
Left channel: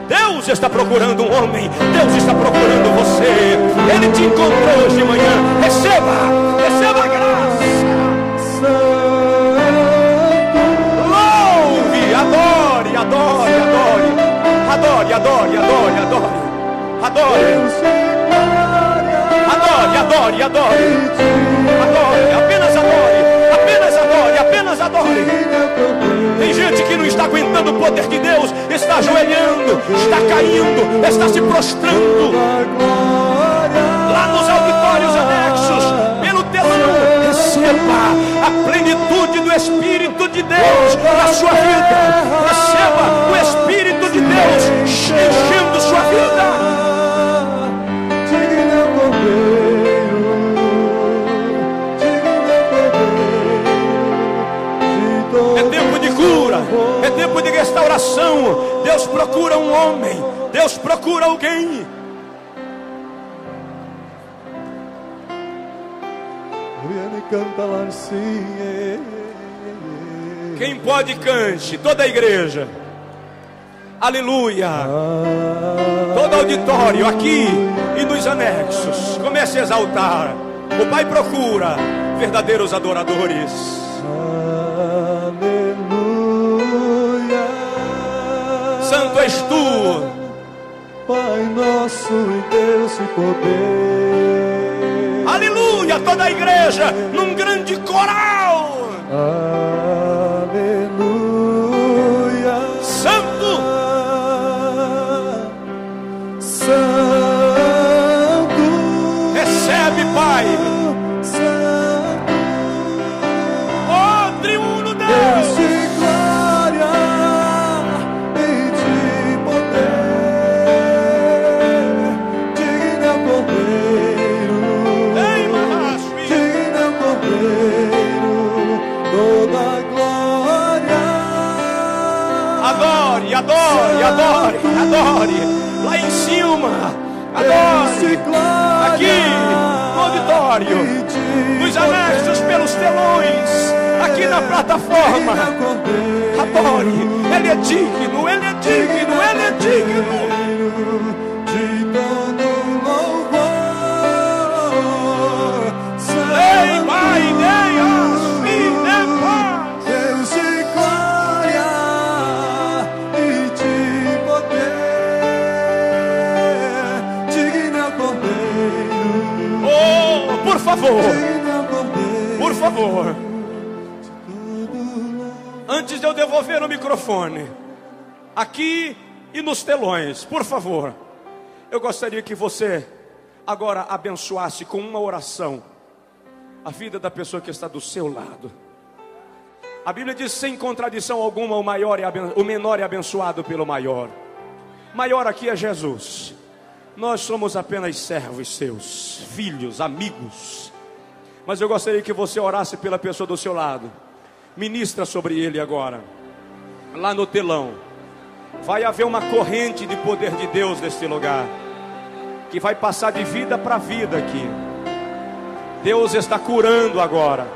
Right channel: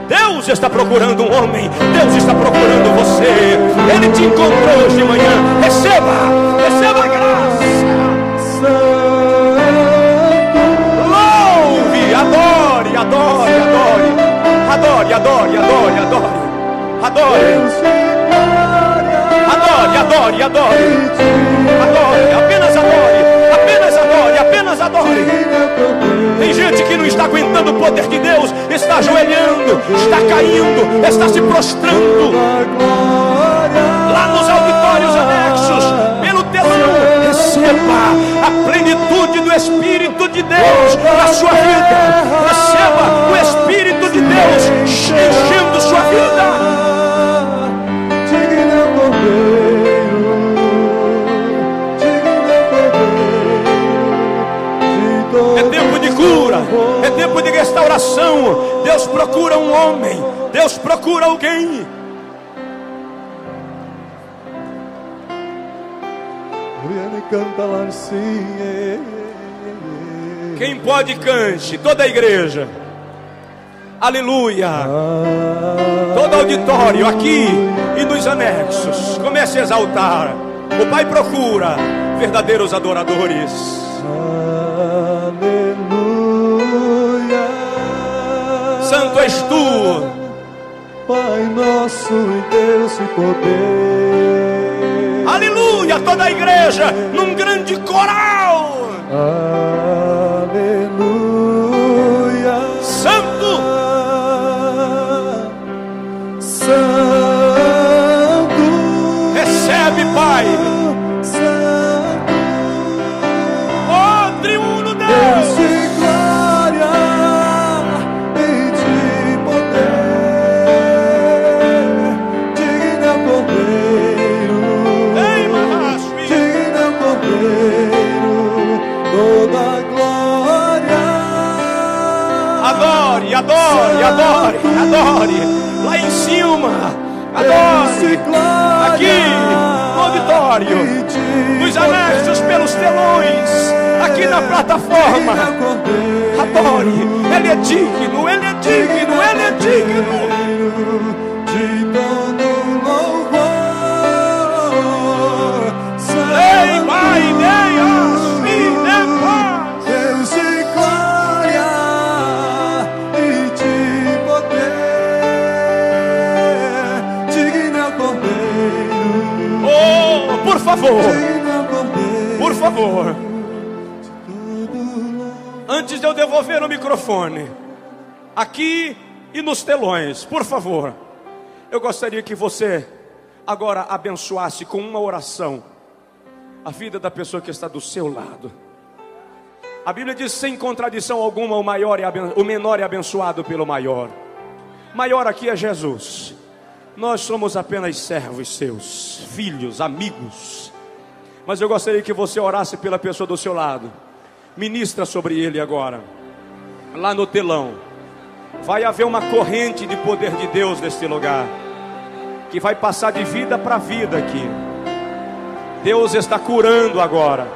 Deus está procurando um homem. Deus está procurando você. Ele te encontrou hoje de manhã. Receba a graça. Louve, adore, adore, adore. Adore, adore, adore. Adore. Adore, adore, adore. Adore, apenas adore. Apenas adore, apenas adore. Tem gente que não está aguentando o poder de Deus, está ajoelhando, está caindo, está se prostrando. Lá nos auditórios anexos, pelo telão, receba a plenitude do Espírito de Deus na sua vida. Receba o Espírito de Deus enchendo sua vida. É tempo de cura, é tempo de restauração. Deus procura um homem, Deus procura alguém. Quem pode, cante, toda a igreja. Aleluia. Todo auditório aqui e nos anexos, comece a exaltar. O Pai procura verdadeiros adoradores. Aleluia. Santo és tu, Pai nosso e Deus e poder. Aleluia, toda a igreja num grande coral. Aleluia. Santo, Santo, recebe, Pai. Santo, Oh, triuno Deus Deus. de glória e de poder. Digno é o Cordeiro. Ei, Mahasvi. Digno é o Cordeiro, toda glória. Adore, adore, adore, adore. Lá em cima, adore. Aqui, no auditório, nos anexos, pelos telões, aqui na plataforma. Adore. Ele é digno, ele é digno, ele é digno. De todo louvor. Ei, Pai, Deus, filha, paz. Deus de glória e de poder. Digno é o Cordeiro. Oh, por favor, Digno é o Cordeiro. por favor. Antes de eu devolver o microfone, aqui e nos telões, por favor, eu gostaria que você agora abençoasse com uma oração a vida da pessoa que está do seu lado. A Bíblia diz sem contradição alguma, o menor é abençoado pelo maior. Maior aqui é Jesus. Nós somos apenas servos seus, filhos, amigos. Mas eu gostaria que você orasse pela pessoa do seu lado. Ministra sobre ele agora. Lá no telão vai haver uma corrente de poder de Deus neste lugar, que vai passar de vida para vida aqui. Deus está curando agora.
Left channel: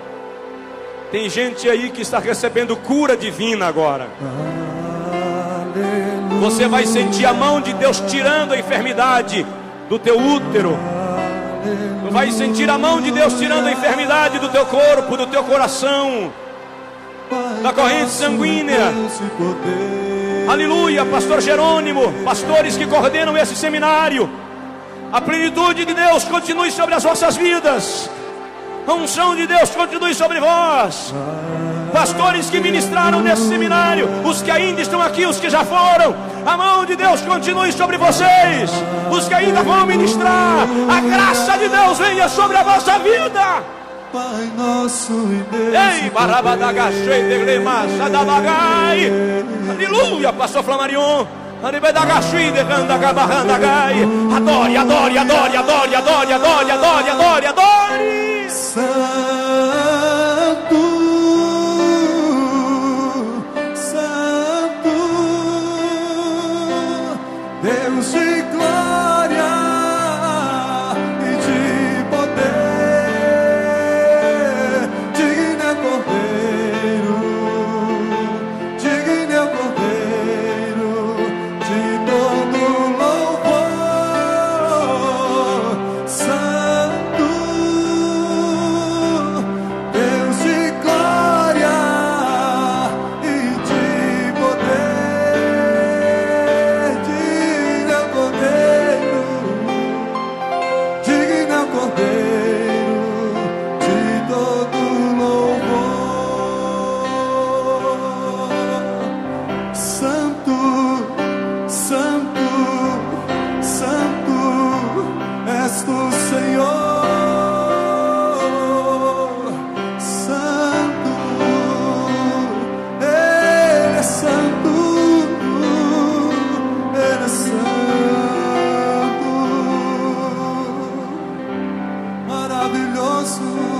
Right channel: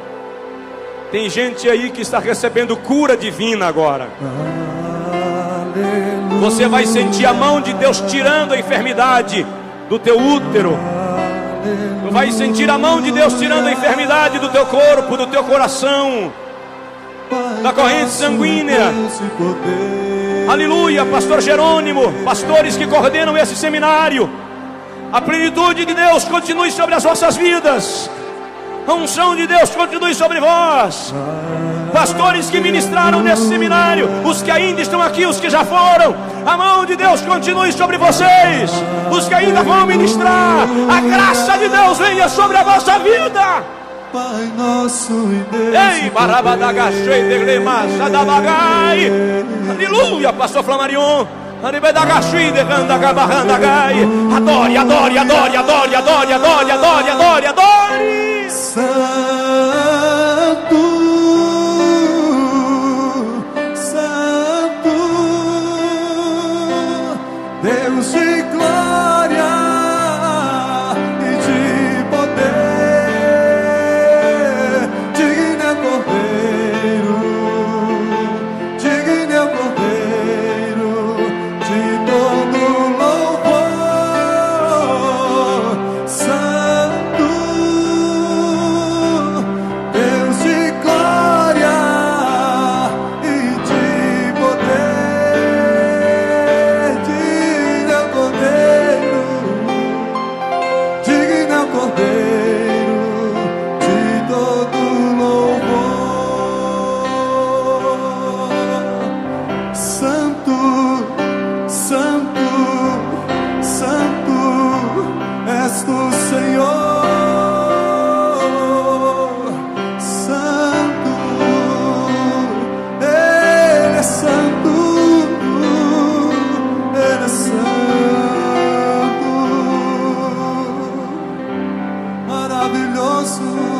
Tem gente aí que está recebendo cura divina agora. Você vai sentir a mão de Deus tirando a enfermidade do teu útero. Vai sentir a mão de Deus tirando a enfermidade do teu corpo, do teu coração, da corrente sanguínea. Aleluia, pastor Jerônimo, pastores que coordenam esse seminário, a plenitude de Deus continue sobre as vossas vidas. A unção de Deus continue sobre vós. Pastores que ministraram nesse seminário, os que ainda estão aqui, os que já foram, a mão de Deus continue sobre vocês. Os que ainda vão ministrar, a graça de Deus venha sobre a vossa vida. Pai nosso e Deus. Ei, barabadagachei de massa da bagai. Aleluia, pastor Flamarion. Anibedagachei de gandagabarrandagai. Adore, adore, adore, adore, adore, adore, adore, adore, adore. Santo, Santo, Deus de glória e de poder. Digno é o Cordeiro, digno é o Cordeiro de todo louvor. Santo, Deus de glória e de poder. Digno é o Cordeiro. coração.